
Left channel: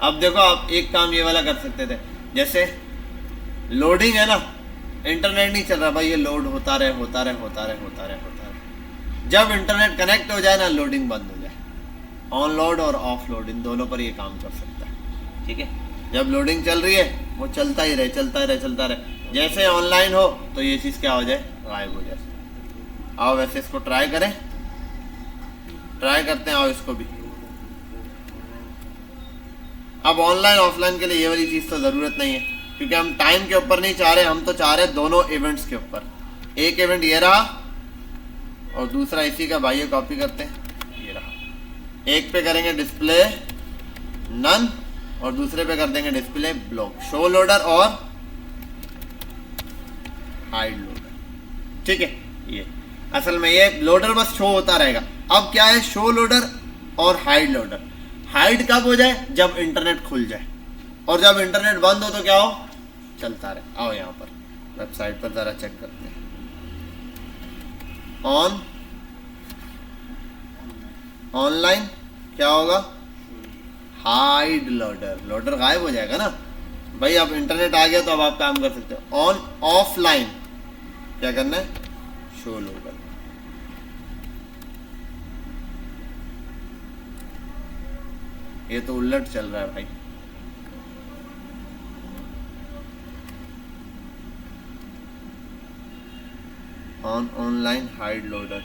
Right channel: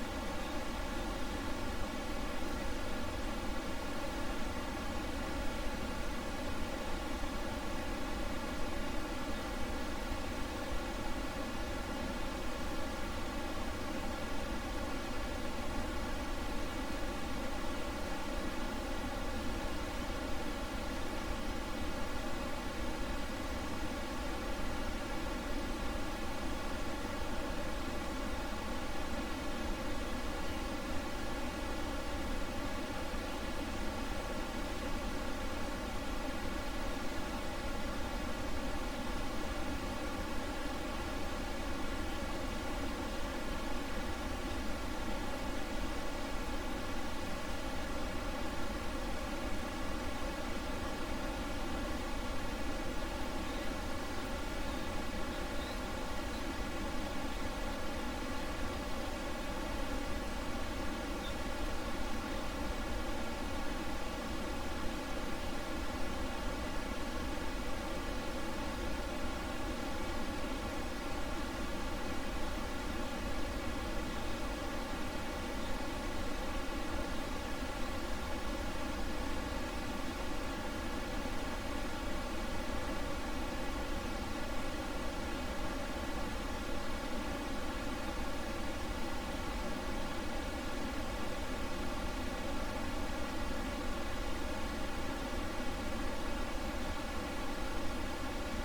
अब देखो, आप एक काम ये वाला कर सकते थे, जैसे लोडिंग है ना, इंटरनेट नहीं चल रहा भाई, ये लोड होता रहे। जब इंटरनेट कनेक्ट हो जाए ना, लोडिंग बंद हो जाए, ऑन लोड और ऑफ लोड इन दोनों पर ये काम कर सकता है, ठीक है। जब लोडिंग चल रही है वो चलता रहे, जैसे ऑनलाइन हो तो ये चीज़ क्या हो जाए, गायब हो जाए। आओ वैसे इसको ट्राई करते हैं, आओ इसको भी। अब ऑनलाइन ऑफलाइन के लिए ये वाली चीज़ तो ज़रूरत नहीं है, क्योंकि हम टाइम के ऊपर नहीं चाह रहे, हम तो चाह रहे दोनों इवेंट्स के ऊपर। एक इवेंट ये रहा और दूसरा इसी का, भाई कॉपी करते हैं, ये रहा। एक पे करेंगे डिस्प्ले नन और दूसरे पे कर देंगे डिस्प्ले ब्लॉक, शो लोडर और हाइड लोडर, ठीक है। ये असल में ये लोडर बस शो होता रहेगा। अब क्या है, शो लोडर और हाइड लोडर। हाइड कब हो जाए, जब इंटरनेट खुल जाए, और जब इंटरनेट बंद हो तो क्या हो, चलता रहे। आओ यहाँ पर वेबसाइट पर जरा चेक करते हैं, ऑनलाइन क्या होगा, हाइड लोडर गायब हो जाएगा ना भाई। अब इंटरनेट आ गया तो अब आप काम कर सकते हो। ऑन ऑफलाइन क्या करना है, शो लोडर। ये तो उलट चल रहा है भाई, ऑनलाइन हाइड लोडर।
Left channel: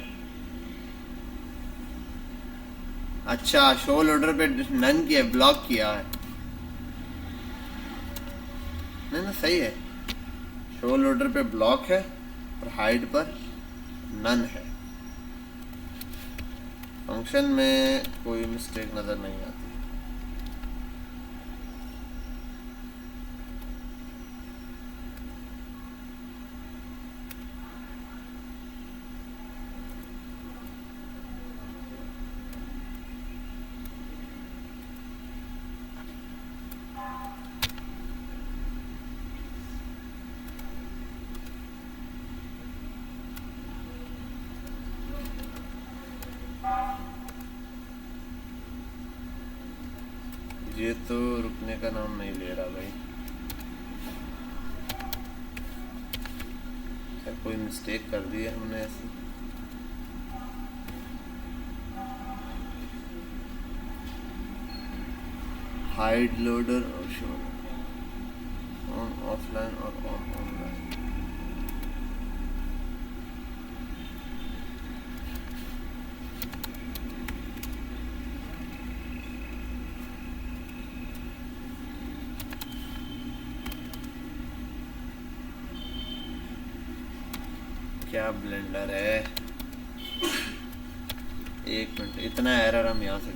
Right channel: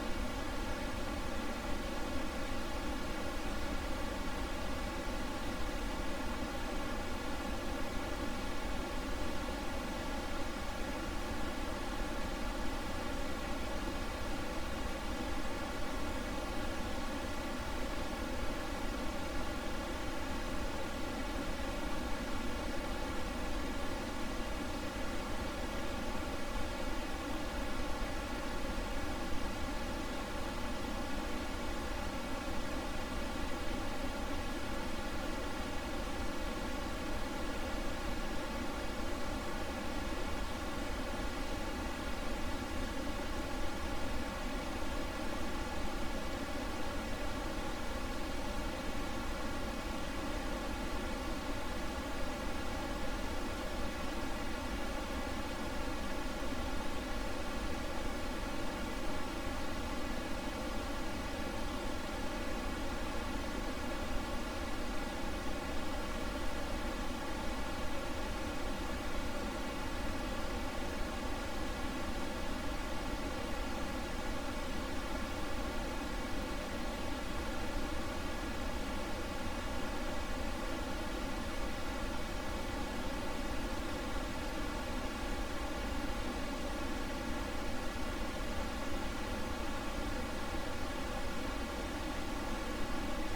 अच्छा, शो लोडर पे नन किया, ब्लॉक किया है। नहीं ना, सही है। शो लोडर पे ब्लॉक है और हाइड पर नन है। फंक्शन में कोई मिस्टेक नज़र नहीं आती। ये तो रुकने का नाम नहीं ले रहा भाई। कोई मिस्टेक कर दी है हमने। हाइड लोडर ऑफलाइन और क्या ब्लेंडर है। एक मिनट, इतना एरर हम यहाँ से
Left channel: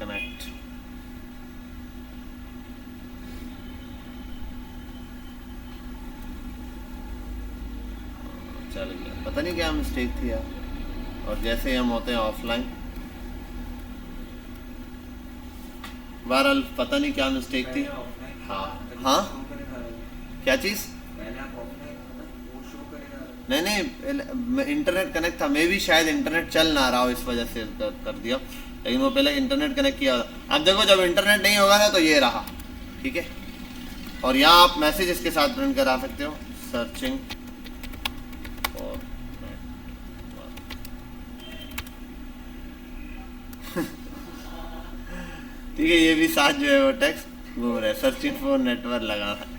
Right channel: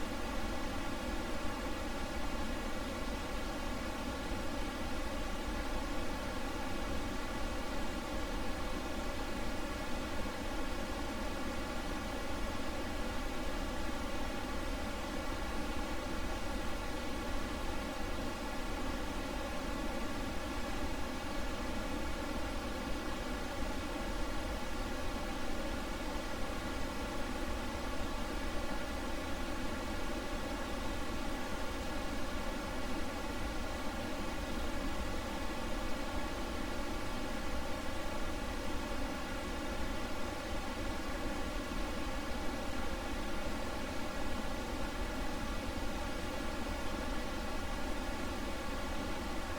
कनेक्ट। चल गया, पता नहीं क्या मिस्टेक थी यार। और जैसे ही हम होते हैं ऑफलाइन, बहरहाल पता नहीं क्या मिस्टेक थी। हाँ हाँ, क्या चीज़? नहीं नहीं, इंटरनेट कनेक्ट था, मे भी शायद इंटरनेट चल ना रहा हो इस वजह से कर दिया। लेकिन वो पहले इंटरनेट कनेक्ट किया। अब देखो, जब इंटरनेट नहीं होगा ना तो ये रहा, ठीक है। और यहाँ आप मैसेज इसके साथ प्रिंट करा सकते हो, सर्चिंग। ठीक है, ये भी साथ जो है वो टेक्स्ट घूम रहा है, सर्चिंग फॉर नेटवर्क लगा है।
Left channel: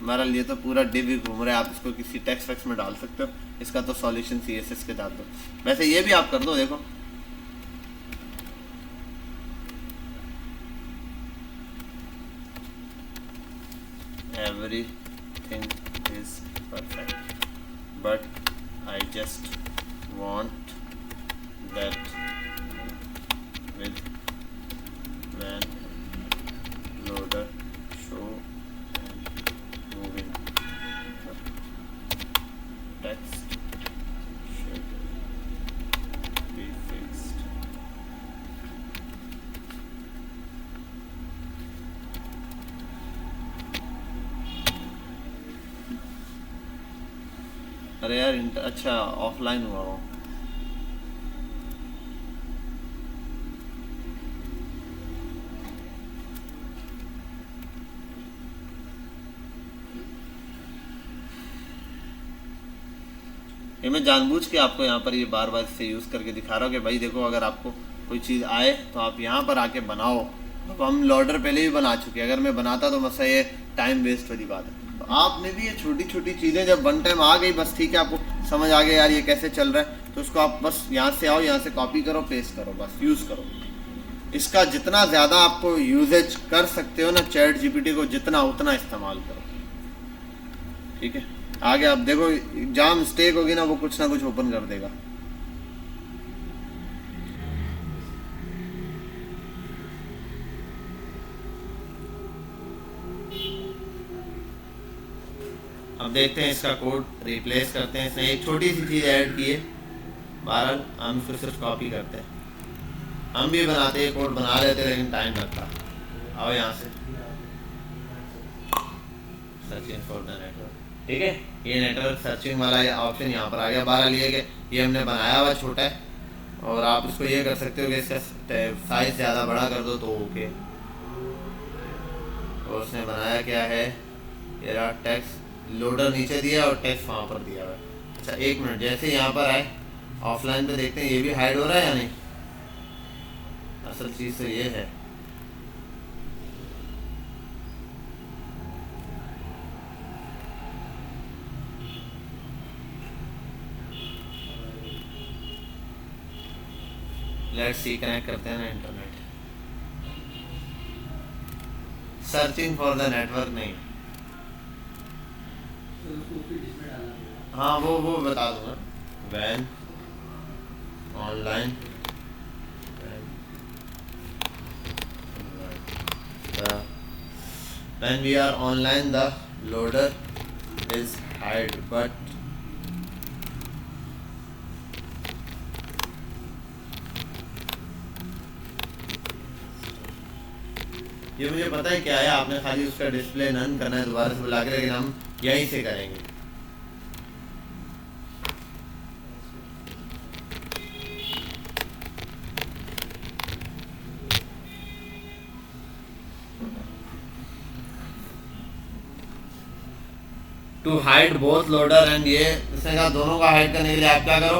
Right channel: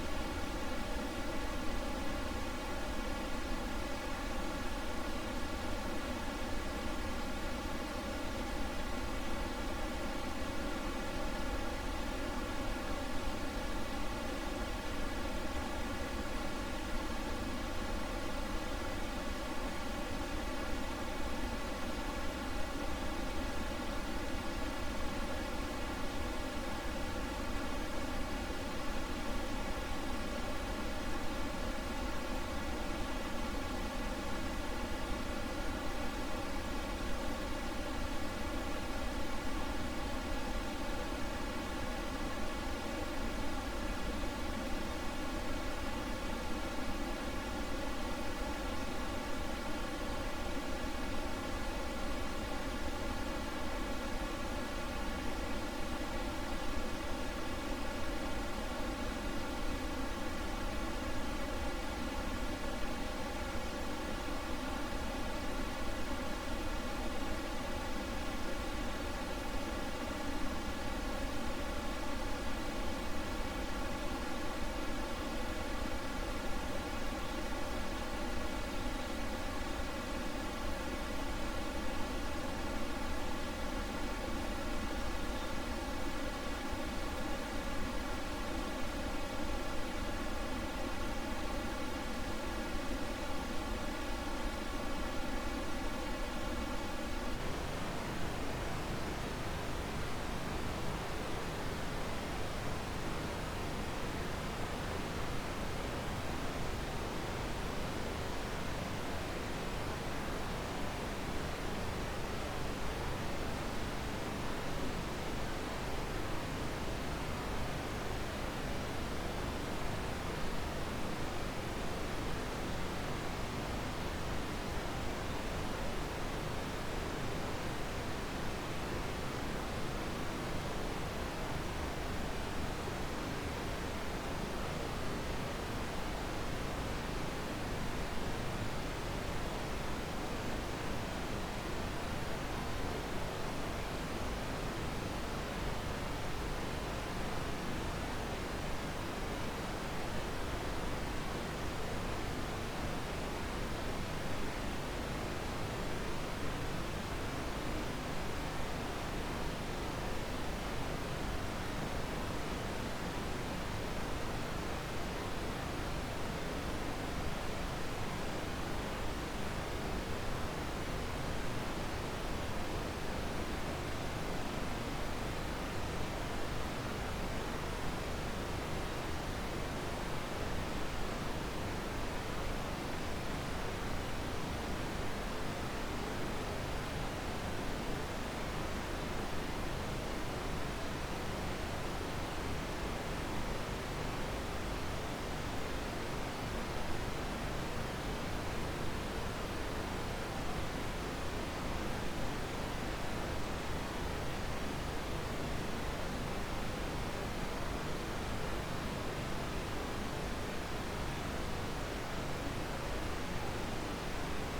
बहरहाल ये तो पूरा डिव ही घूम रहा है। आप इसको किसी टेक्स्ट वेक्स्ट में डाल सकते हो। इसका तो सॉल्यूशन CSS के साथ हो। वैसे ये भी आप कर दो, देखो everything is perfect but I just want that with when loader show moving text should be fixed. अरे यार, अच्छा ऑफलाइन हुआ वो। ये मैं जानबूझ के आपको यहाँ पर ये बार बार इससे यूज़ करके दिखा रहा हूँ कि भाई देखो, अगर आपको कोई चीज़ आए तो आप यहाँ पर आके बनाओ। तो हम लोडर पहले भी बना चुके हैं, अगर मैं बनाता तो मसला ये टाइम वेस्ट वाली बात। तो आपने भी ये छोटी छोटी चीज़ें जब वन टाइम आ गई, बस ठीक है, आपको समझ आ गया यार ये कैसे चल रहा है, तो उसको आप बस यहाँ से आओ, यहाँ से कॉपी करो, पेस्ट करो, बस यूज़ करो। इसका जितना ज़्यादा आपको यूजेज कर सकते हो ना चैट GPT को, जितना उतना इस्तेमाल करो, ठीक है। आगे आप देखो, जहाँ मिस्टेक होगी ना वो कुछ ना कुछ ओपन कर देगा। अब देखते हैं इसका कोड रिप्लेस करते हैं। इसमें एक छोटी सी चीज़ ऐड की है, बहरहाल हम इसको सिर्फ कॉपी करते हैं। हम भी बनाते हैं, कोड बना लेते हैं, लेकिन टाइम लगता। आओ यहाँ से, ठीक है। ये नेटवर्क सर्चिंग वाला ऑप्शन यहाँ पर आ गया। बहरहाल ये हमने बनाया हुआ छोटा है, और आप इसको ये कर सकते हो कि इसका साइज़ ज़्यादा बड़ा कर दो तो ओके। तो उसने बनाया क्या है, ये रहा टेक्स्ट लोडर नीचे दिया और टेक्स्ट वहाँ पर दिया है। अच्छा एक मिनट, जैसे यहाँ पर आए ऑफलाइन पे देखते हैं ये भी हाइड हो रहा है या नहीं। असल चीज़ तो ये है, लेट्स सी कनेक्ट करते हैं ना internet. Searching for the network नहीं, हाँ वो बता दूंगा। When online when we are online the loader is hide but ये मुझे पता है क्या है, आपने खाली उसका डिस्प्ले नन करना है दोबारा से बुला के, लेकिन हम यहीं से करेंगे। To hide both loader and ये उसने कहा दोनों का हाइड करने के लिए आप क्या करो,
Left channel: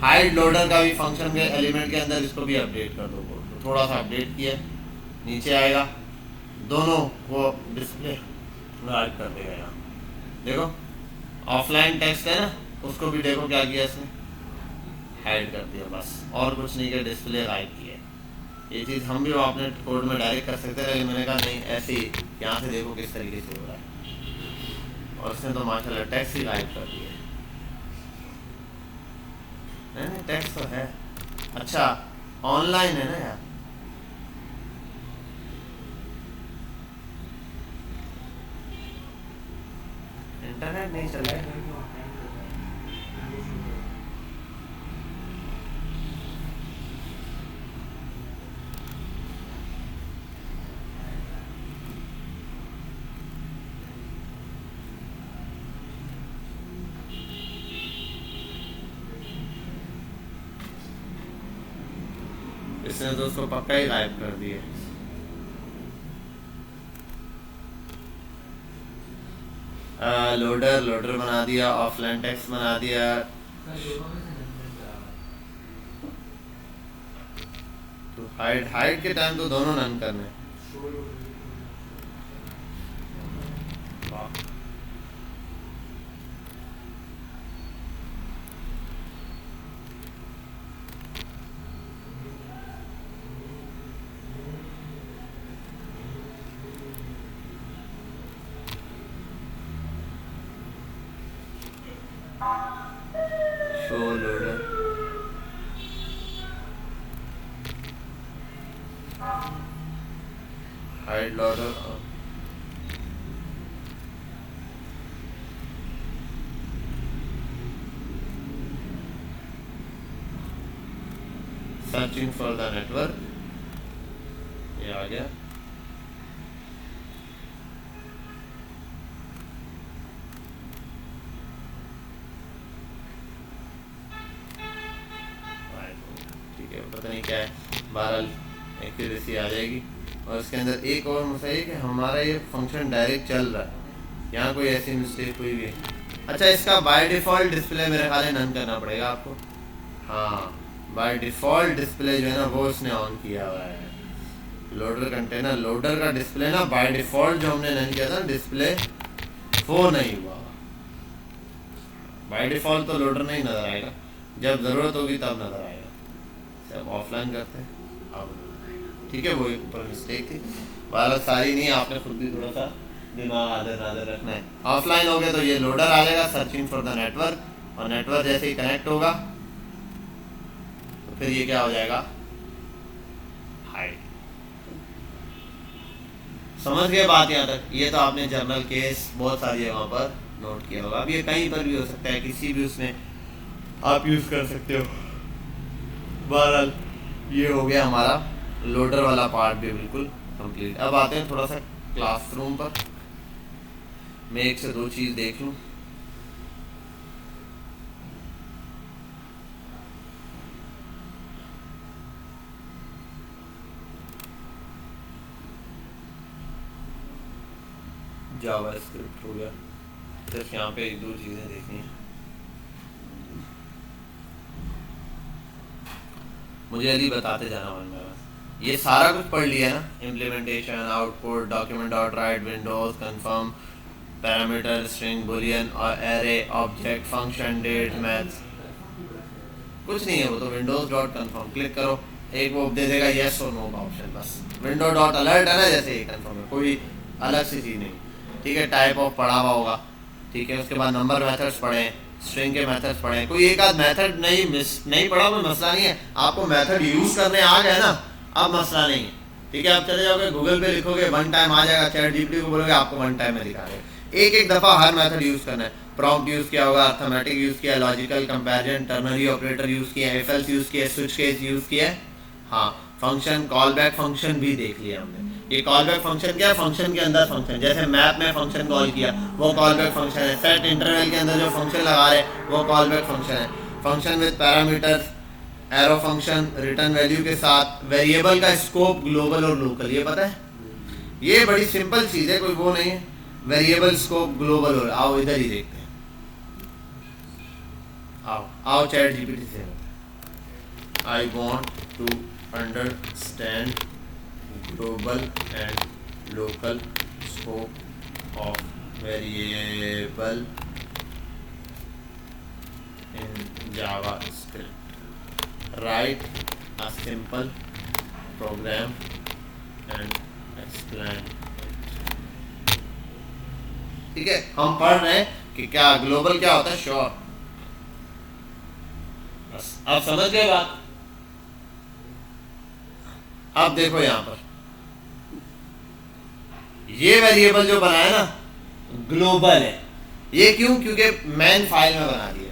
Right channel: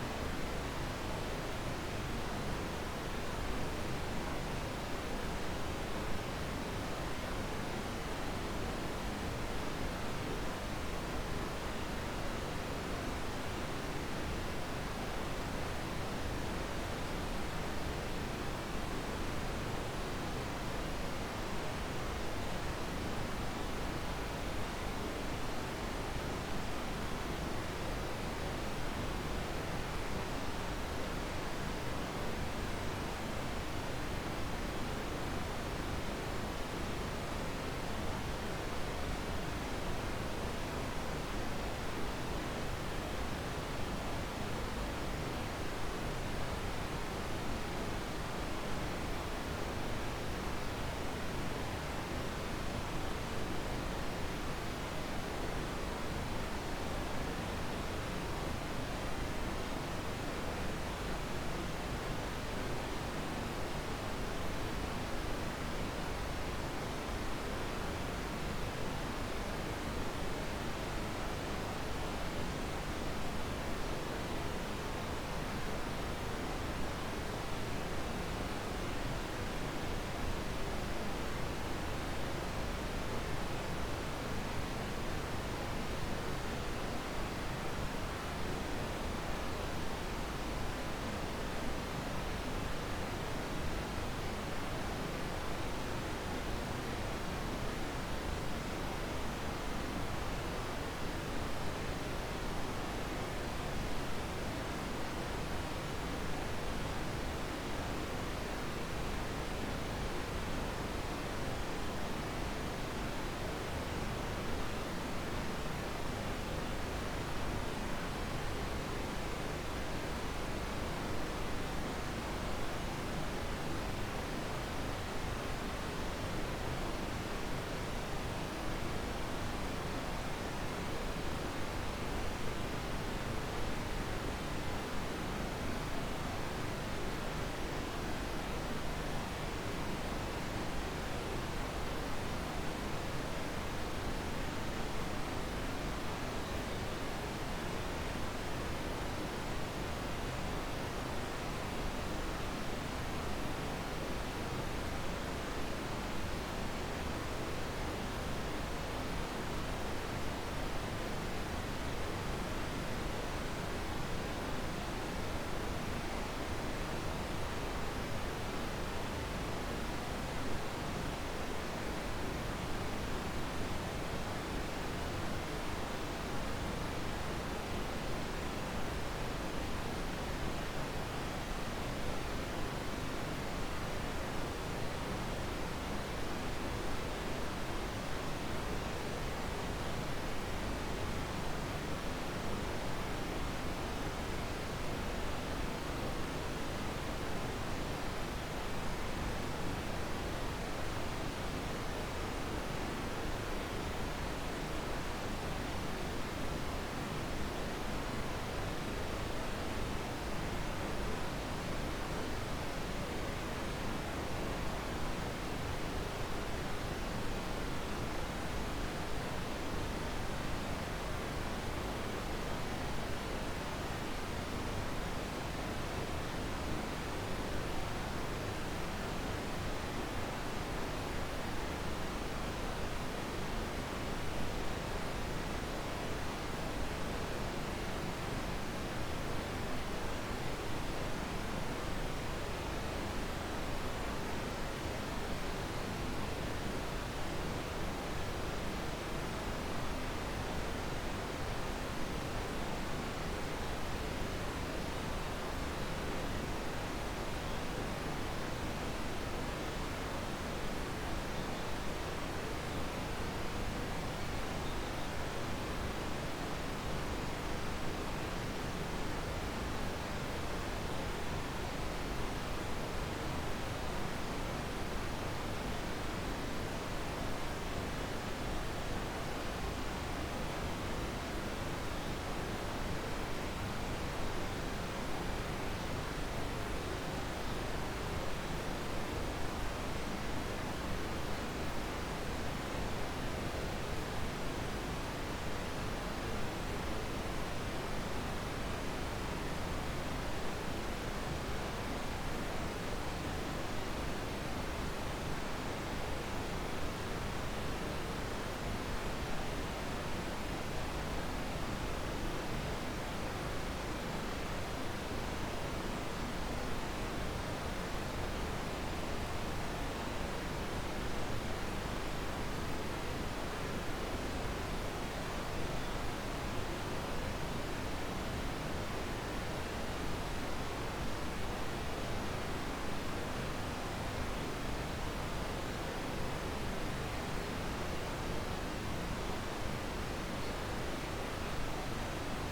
हाइड लोडर का भी फंक्शन के एलिमेंट के अंदर इसको भी अपडेट कर दो। तो थोड़ा सा अपडेट किया, नीचे आएगा, दोनों वो डिस्प्ले हाइड कर देगा। यहाँ देखो ऑफलाइन टेक्स्ट है ना, उसको भी देखो क्या किया इसने, हाइड कर दिया बस, और कुछ नहीं किया, डिस्प्ले हाइड किया। ये चीज़ हम भी अपने कोड में डायरेक्ट कर सकते हैं, लेकिन मैंने कहा नहीं, ऐसे ही यहाँ से देखो किस तरीके से हो रहा है। और उसने तो माशाल्लाह टेक्स्ट ही हाइड कर दिया। नहीं टेक्स्ट तो है, अच्छा ऑनलाइन है ना यार, इंटरनेट नहीं चल रहा है। इसने तो उसको पक्का ही गायब कर दिया। लोडर बना दिया, ऑफलाइन टेक्स्ट बना दिया। हाइड के टाइम तो दोनों रन करने। Hide loader searching for the network, ये आ गया। ठीक है, पता नहीं क्या है, बहरहाल एक्यूरेसी आ जाएगी। और इसके अंदर एक और मसला है कि हमारा ये फंक्शन डायरेक्ट चल रहा है, यहाँ कोई ऐसी मिस्टेक हुई भी है। अच्छा इसका बाय डिफ़ॉल्ट डिस्प्ले मेरे ख्याल है नन करना पड़ेगा आपको। हाँ बाय डिफ़ॉल्ट डिस्प्ले जो है ना वो इसने ऑन किया हुआ है। लोडर कंटेनर लोडर का डिस्प्ले ना बाय डिफ़ॉल्ट जो हमने नन किया था डिस्प्ले वो नहीं हुआ। बाय डिफ़ॉल्ट तो लोडर नहीं नज़र आएगा, जब ज़रूरत होगी तब नज़र आएगा, जब ऑफलाइन करते हैं। ठीक है वो मिस्टेक थी, वाला सारी नहीं, आपने खुद भी थोड़ा सा दिमाग आदर रखना है। ऑफलाइन हो गया तो ये लोडर आ जाएगा सर्चिंग फॉर द नेटवर्क, और नेटवर्क जैसे ही कनेक्ट होगा फिर ये क्या हो जाएगा, हाइड। समझ गए बात यहाँ तक? ये तो आपने जर्नल केस बहुत सारी जगहों पर नोट किया होगा। अब ये कहीं पर भी हो सकता है, किसी भी उसमें आप यूज़ कर सकते हो। बहरहाल ये हो गया हमारा लोडर वाला पार्ट भी बिल्कुल कंप्लीट। अब आते हैं थोड़ा सा क्लासरूम पर, मैं एक से दो चीज़ देख लूँ। जावास्क्रिप्ट हो गया, सिर्फ यहाँ पे एक दो चीज़ें देखनी। मुझे यदि बताते जाना होगा, ये सारा कुछ पढ़ लिया ना, implementation, output, document dot write, windows, confirm, parameter, string, boolean और array, object, function, date, maths, कुछ नहीं है वो तो। विंडोज डॉट कंफर्म क्लिक करो, एक वो दे देगा येस और नो का ऑप्शन, बस विंडो डॉट अलर्ट है ना, जैसे ही कंफर्म, कोई अलग सी चीज़ नहीं, ठीक है। टाइप ऑफ पढ़ा हुआ होगा, ठीक है। उसके बाद नंबर मेथड्स पढ़े, स्ट्रिंग के मेथड्स पढ़े, कोई एक आध मेथड नहीं पढ़ा कोई मसला नहीं है, आपको मेथड यूज़ करने आ गए ना, अब मसला नहीं है, ठीक है। आप चले जाओगे गूगल पे लिखोगे वन टाइम आ जाएगा, चैट जीपीटी को बोलोगे आपको वन टाइम में दिखा देगा। एक दफ़ा हर मेथड यूज़ करना है। प्रॉम्प्ट यूज़ किया होगा, अर्थमेटिक यूज़ किया, logical comparison, ternary operator use किया, एफ एल्स यूज़ किया, स्विच केस यूज़ किया, हाँ। फंक्शन कॉल बैक फंक्शन भी देख लिया हमने। ये कॉल बैक फंक्शन क्या है, फंक्शन के अंदर फंक्शन, जैसे मैप में फंक्शन कॉल किया वो कॉल बैक फंक्शन है। सेट इंटरवल के अंदर जो फंक्शन लगा रहे वो कॉल बैक फंक्शन है। Function with parameters, arrow function, return value के साथ, वेरिएबल का स्कोप ग्लोबल और लोकल, ये पता है, ये बड़ी सिंपल चीज़ है, कोई वो नहीं है। वेरिएबल स्कोप ग्लोबल और, आओ इधर ही देख, आओ चैट जीपीटी से, I want to understand global and local scope of variable in JavaScript, write a simple program and explain. ठीक है, हम पढ़ रहे हैं कि क्या ग्लोबल क्या होता है, श्योर, बस आप समझ गए बात। अब देखो यहां पर ये वेरिएबल जो बनाया ना ग्लोबल है, ये क्यों, क्योंकि मैन फाइल में बना दिया,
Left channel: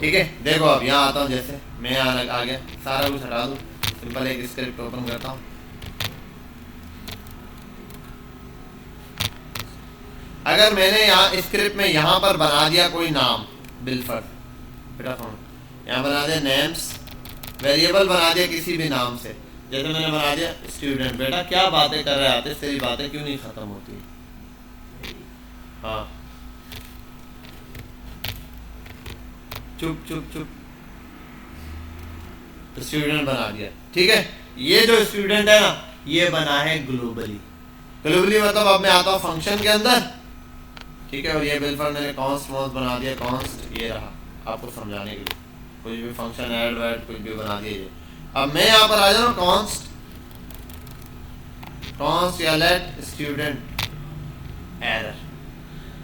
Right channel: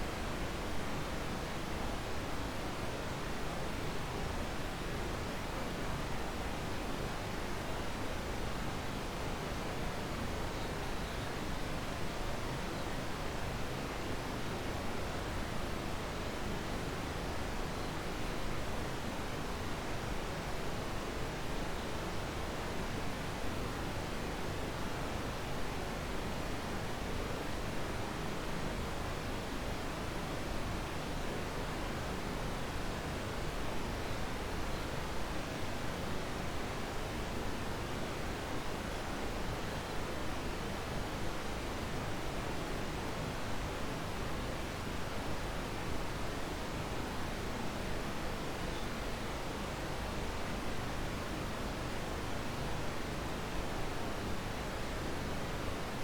ठीक है। देखो अब यहाँ आता हूँ, जैसे मैं यहाँ आ गया, सारा कुछ हटा दूँ, सिंपल एक स्क्रिप्ट ओपन करता हूँ। अगर मैंने यहाँ स्क्रिप्ट में यहाँ पर बना दिया कोई नाम, बिलफर बेटा कौन, यहाँ बना दिया नेम्स, वेरिएबल बना दिया किसी भी नाम से, जैसे मैंने बना दिया स्टूडेंट। बेटा क्या बातें कर रहे आते, तेरी बातें क्यों नहीं खत्म होती, हाँ चुप चुप चुप, तो स्टूडेंट बना दिया, ठीक है। ये जो स्टूडेंट है ना ये बना है ग्लोबली, ग्लोबली मतलब अब मैं आता हूँ फंक्शन के अंदर, ठीक है। और ये बिलफर मैंने कॉन्स्ट मॉन्स्ट बना दिया, कॉन्स्ट ये रहा आपको समझाने के लिए, कुछ भी फंक्शन ऐड वैड कुछ भी बना दिए। अब मैं यहाँ पर आ जाऊँ कॉन्स्ट, कॉन्स्ट या लेट स्टूडेंट एरर,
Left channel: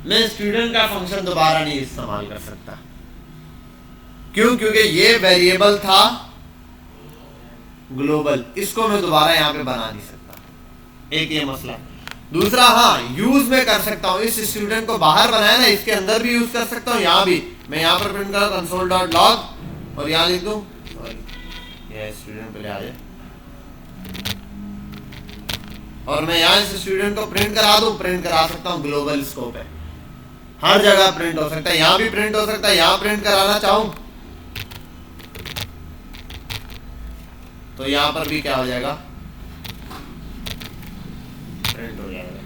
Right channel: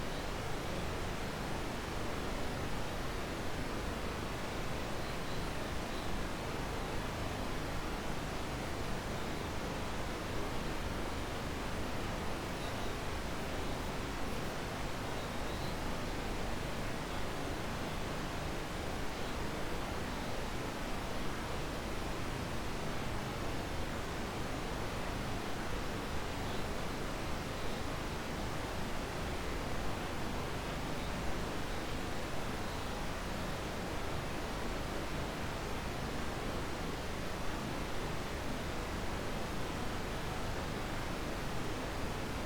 मैं स्टूडेंट का फंक्शन दोबारा नहीं इस्तेमाल कर सकता, क्यों, क्योंकि ये वेरिएबल था ग्लोबल, इसको मैं दोबारा यहाँ पे बना नहीं सकता, एक ये मसला। दूसरा, हाँ यूज में कर सकता हूँ, इस स्टूडेंट को बाहर बनाया ना इसके अंदर भी यूज कर सकता हूँ, यहाँ भी मैं यहाँ पर प्रिंट करूँ कंसोल डॉट लॉग और यहाँ लिख दूँ ये स्टूडेंट को ले आ जाए, और मैं यहाँ इस स्टूडेंट को प्रिंट करा दूँ, प्रिंट करा सकता हूँ, ग्लोबल स्कोप है, हर जगह प्रिंट हो सकता है, यहाँ भी प्रिंट हो सकता है, यहाँ प्रिंट कराना चाहूँ तो यहाँ पर भी क्या हो जाएगा, प्रिंट हो जाएगा।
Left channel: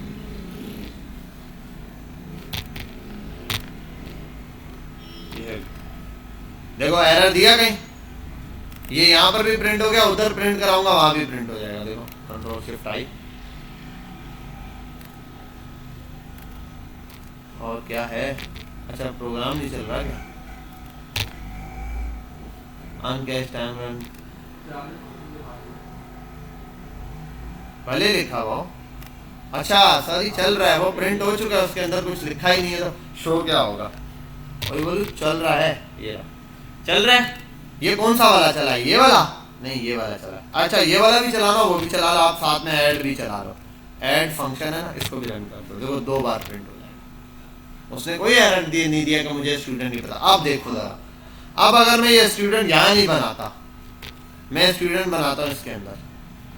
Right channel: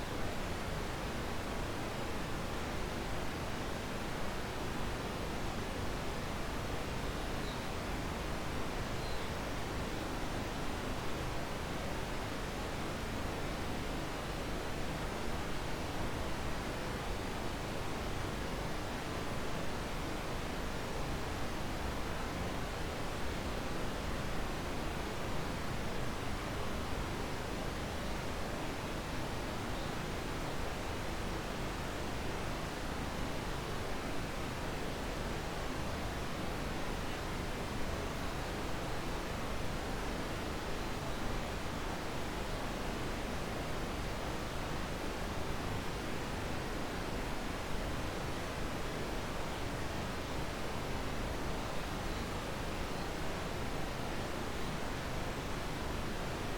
देखो एरर दिया कहीं, ये यहाँ पर भी प्रिंट हो गया, उधर प्रिंट कराऊंगा वहां भी प्रिंट हो जाएगा। देखो कंट्रोल शिफ्ट आई, और क्या है, अच्छा प्रोग्राम नहीं चल रहा क्या, अनकैश टाइम रन भले लिखा हुआ, अच्छा सॉरी चल रहा है, वो प्रिंट हो चुका है, उसके अंदर कुछ लिखा ही नहीं है, तो शो क्या होगा, वही बोलूँ चल रहा है, ये चल रहा है। ये कौन सा वाला चला है, ये वाला नहीं, ये वाला चला, अच्छा ये वाला भी चलाना, वो भी चला लो आप, साथ में ऐड भी चला लो, ऐड फंक्शन है ना, इसको भी रन कर दो, देखो 2 बार प्रिंट, उसने कोई एरर नहीं दिया कि मुझे स्टूडेंट नहीं पता। अब देखो जरा, अब अगर मैं ये स्टूडेंट यहाँ नहीं बनाता, मैं स्टूडेंट बनाता हूँ इसके अंदर,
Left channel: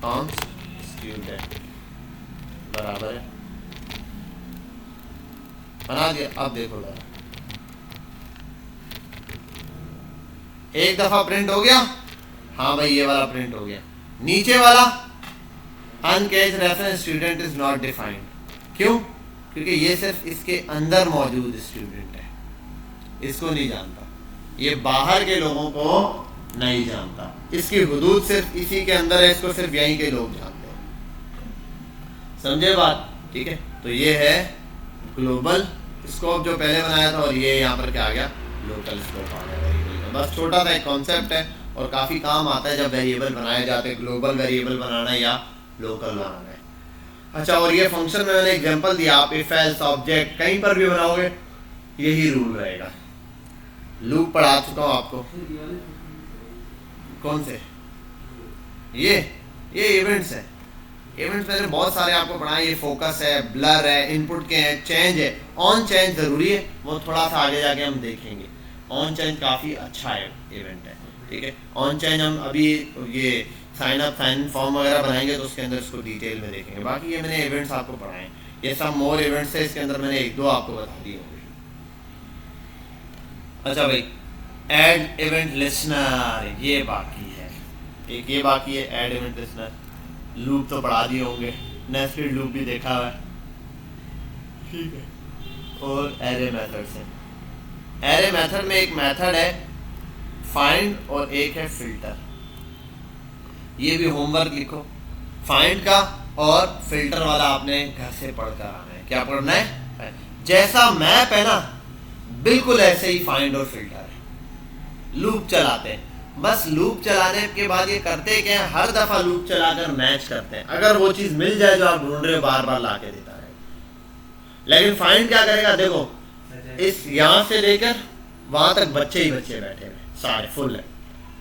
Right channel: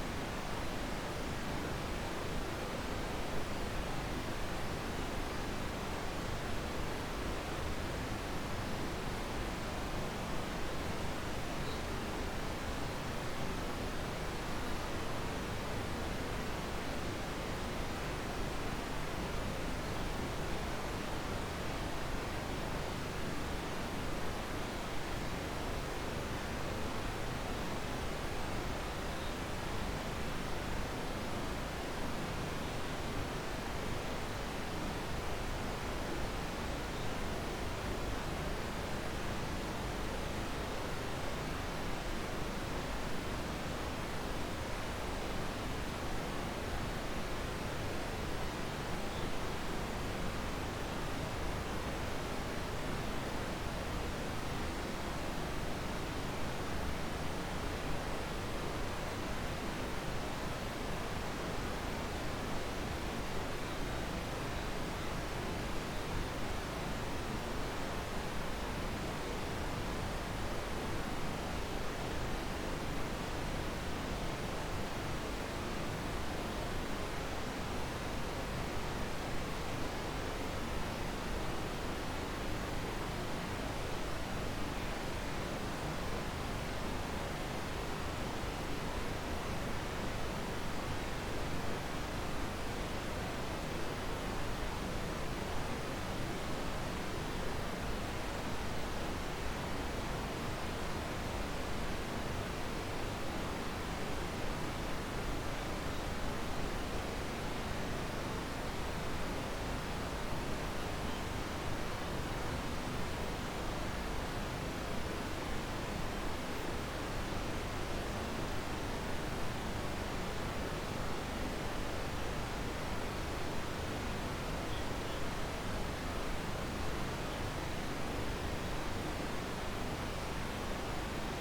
कौन स्टूडेंट बराबर है, बना दिया। अब देखो जरा, एक दफा प्रिंट हो गया, हाँ भाई ये वाला प्रिंट हो गया, नीचे वाला uncaught reference student is not defined, क्यों, क्योंकि ये सिर्फ इसके अंदर मौजूद स्टूडेंट है, इसको नहीं जानता, ये बाहर के लोगों को नहीं जानता, इसकी हुदूद सिर्फ इसी के अंदर है, इसको सिर्फ यहीं के लोग जानते हैं, समझे बात, ठीक है। तो ये है ग्लोबल स्कोप जो पहले बनाया था, और ये यहाँ पर क्या आ गया, लोकल स्कोप आ गया। बस छोटा सा एक कॉन्सेप्ट है, और काफ़ी काम आता है जब वेरिएबल बनाए जाते हैं, ग्लोबल वेरिएबल बनाना या लोकल बनाना है। अच्छा, और ये फंक्शन में मैंने एग्जांपल दिया, आप इफ एल्स ऑब्जेक्ट कहीं पर भी बनाओगे यही रूल रहेगा। लूप पढ़ा चुका हूँ आपको। कौन से? ये इवेंट्स है। इवेंट्स मैंने बहुत सारे आपको पढ़ाए। ये फोकस है, ब्लर है, इनपुट के हैं, चेंज है। ऑन चेंज ज़रूरी है, वो थोड़ा सा आगे जाके हम देखेंगे। ऑन चेंज काफ़ी अच्छा है इवेंट है, ठीक है। ऑन चेंज हम अभी ये साइन अप साइन फॉर्म वगैरह बनाएंगे तो उसके अंदर इसको डिटेल में देखेंगे। बाकी ये मैंने इवेंट्स आपको पढ़ाए, ये सब मोर इवेंट्स है, इसके अंदर मैंने एक दो आपको बता दिए। अच्छा भाई, ऐड इवेंट लिस्टनर ये बाकी है, एक ये बाकी है ऐड इवेंट लिस्टनर। लूप तो पढ़ा दिए होंगे, नेस्टेड लूप भी देखा हुआ है, ठीक है। और एरे मेथड से, एरे मेथड में एक मेथड है फाइंड और एक है फिल्टर। ये भी होमवर्क लिखो, फाइंड का और फिल्टर वाला आपने घर से पढ़ कर आना है। क्या पढ़ना है? जैसा मैप है ना बिल्कुल ऐसे ही फाइंड और फिल्टर है। लूप चलाते हैं, बस लूप चलाने के बाद ये करते क्या है, हर दफा लूप चलाकर मैच करते हैं। अगर वो चीज़ मिल जाए जो आप ढूंढ रहे हो, बार बार ला के देता है। लेकिन फाइंड क्या करेगा, देखो इस यहाँ से लेकर वहां तक बच्चे ही बच्चे बैठे हैं, सारे फुल है,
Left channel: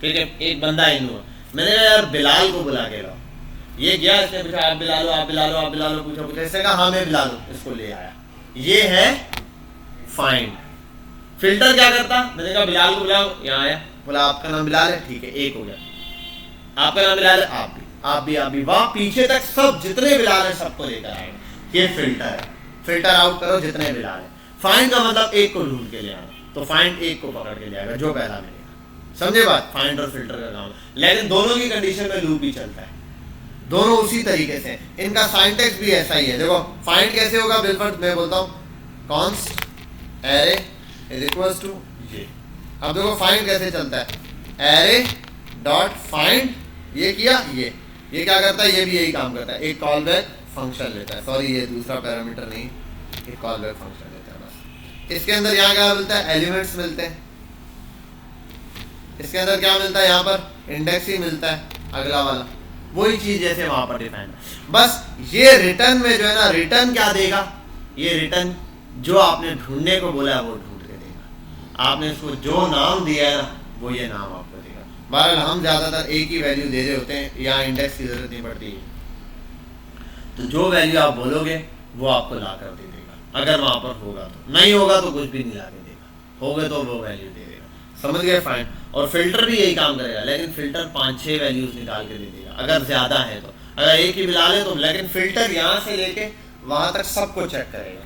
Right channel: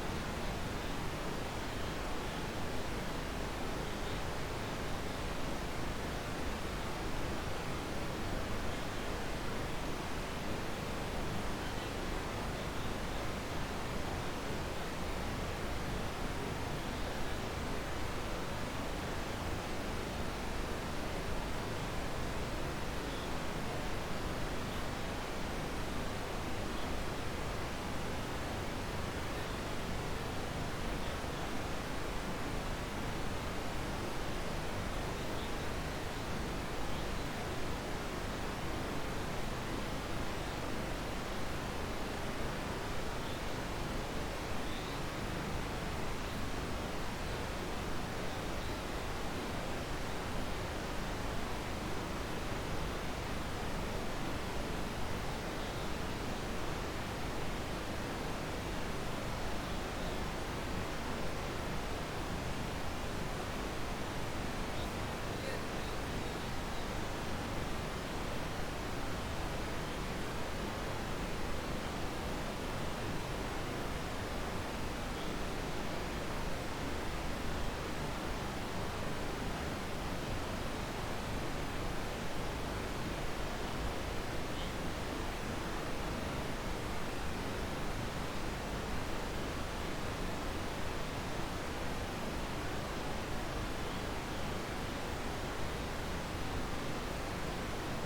ठीक है। एक बंदा ही नहीं हुआ। मैंने कहा यार बिलाल को बुला के लाओ। ये गया, इसने पूछा आप बिला लो, आप बिला लो, आप बिला लो, पूछा इसने कहा हाँ मैं बिला लूँ, इसको ले आया। ये है फाइंड। फिल्टर क्या करता, मैंने कहा बिलाल को बुलाओ, यहाँ आया, बोला आपका नाम बिलाल है, ठीक है, एक हो गया। आपका नाम बिलाल है, आप भी वहाँ पीछे तक सब जितने बिलाल है सबको लेकर आएगा। ये फिल्टर है, फिल्टर आउट करो जितने बिलाल है। फाइंड का मतलब एक को ढूंढ के ले आना, तो फाइंड एक को पकड़ के ले आएगा जो पहला मिले। समझे बात? फाइंड और फिल्टर का काम। लेकिन दोनों की कंडीशन में लूप भी चलता है, दोनों उसी तरीके से। इनका सिंटैक्स भी ऐसा ही है। देखो फाइंड कैसे होगा, बिल्कुल मैं बोलता हूँ const array is equals to ये। अब देखो फाइंड कैसे चलता है, एरे डॉट फाइंड, ये किया, ये क्या करता है, ये भी यही काम करता है, एक कॉल बैक फंक्शन लेता है। सॉरी ये दूसरा पैरामीटर नहीं, एक कॉल बैक फंक्शन लेता है। इसके अंदर यहाँ क्या मिलता है, एलिमेंट्स मिलते हैं। इसके अंदर क्या मिलता है, यहाँ पर इंडेक्स ही मिलता है, अगला वाला वही चीज जैसे वहां पर डिफाइन। बस ये रिटर्न में जो है ना, रिटर्न क्या देगा, ये रिटर्न जो आपने ढूंढने को बोला है वो ढूंढ देगा। आपने इसको जो नाम दिया है ना वो ये नाम आपको देगा। बहरहाल हम ज्यादातर एक ही वैल्यू दे रहे होते हैं, यहाँ इंडेक्स की जरूरत नहीं पड़ती है। तो जो वैल्यू आप बोलोगे वो आपको ला कर दे देगा। अगर वहां पर होगा, नहीं होगा तो कुछ भी नहीं ला के देगा, होगे तो वो वैल्यू दे देगा। समझ गए? फाइंड और फिल्टर भी यही काम करेगा, लेकिन फिल्टर 5-6 वैल्यूज निकाल के दे देगा अगर ज्यादा है तो। अगर एक ही बिलाल है तो, लेकिन फिल्टर यहाँ से लेके वहां तक सबको चेक करेगा,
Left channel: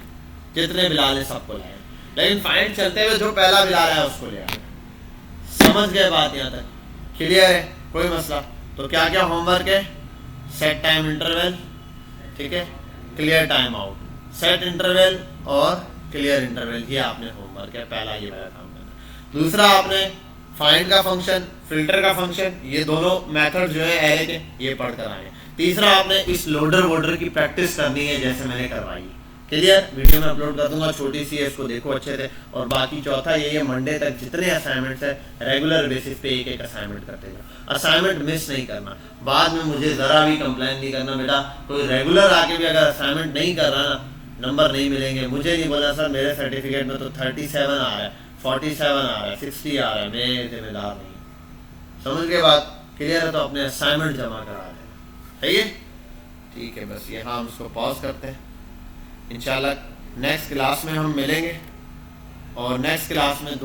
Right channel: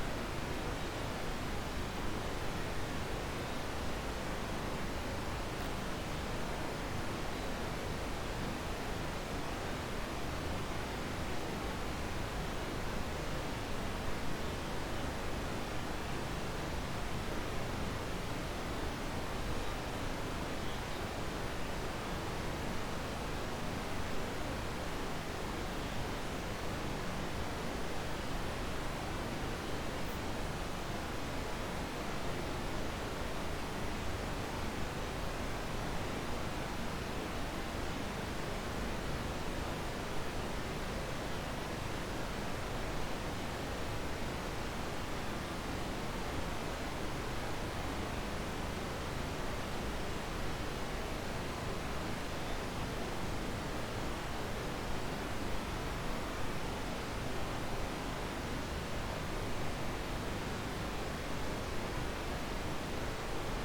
जितने बिलाल है सबको लाएगा। लेकिन फाइंड चलते हुए जो पहला बिलाल है उसको ले आएगा। समझ गए बात? यहाँ तक क्लियर है? कोई मसला? तो क्या क्या होमवर्क है, सेट टाइम इंटरवल, ठीक है, clear time out, set interval और क्लियर इंटरवल, ये आपने होमवर्क है। पहला ये वाला काम। दूसरा आपने फाइंड का फंक्शन, फिल्टर का फंक्शन, ये दोनों मेथड जो है एरे के, ये पढ़ कर आए। तीसरा आपने इस लोडर वोडर की प्रैक्टिस करनी है जैसे मैंने करवाई। क्लियर? वीडियो में अपलोड कर दूंगा, छोटी सी है, इसको देखो अच्छे से। और बाकी चौथा ये है, मंडे तक जितने असाइनमेंट्स है रेगुलर बेसिस पे एक एक असाइनमेंट कर देगा। असाइनमेंट मिस नहीं करना, बाद में मुझे ज़रा भी कंप्लेन नहीं करना। बेटा कोई रेगुलर आके भी अगर असाइनमेंट नहीं कर रहा ना, नंबर नहीं मिलेंगे। मुझे नहीं बोला सर मेरे सर्टिफिकेट में तो 37 आ रहा है, 47 आ रहा है, 60 आ रहा है, मैं जिम्मेदार हूँ। समझ के बाद क्लियर है? तो अपने असाइनमेंट जमा करा सही है, ठीक है। बस यहाँ हम इसको पॉज करते हैं। इंशाल्लाह नेक्स्ट क्लास में हम मिलेंगे और नेक्स्ट क्लास में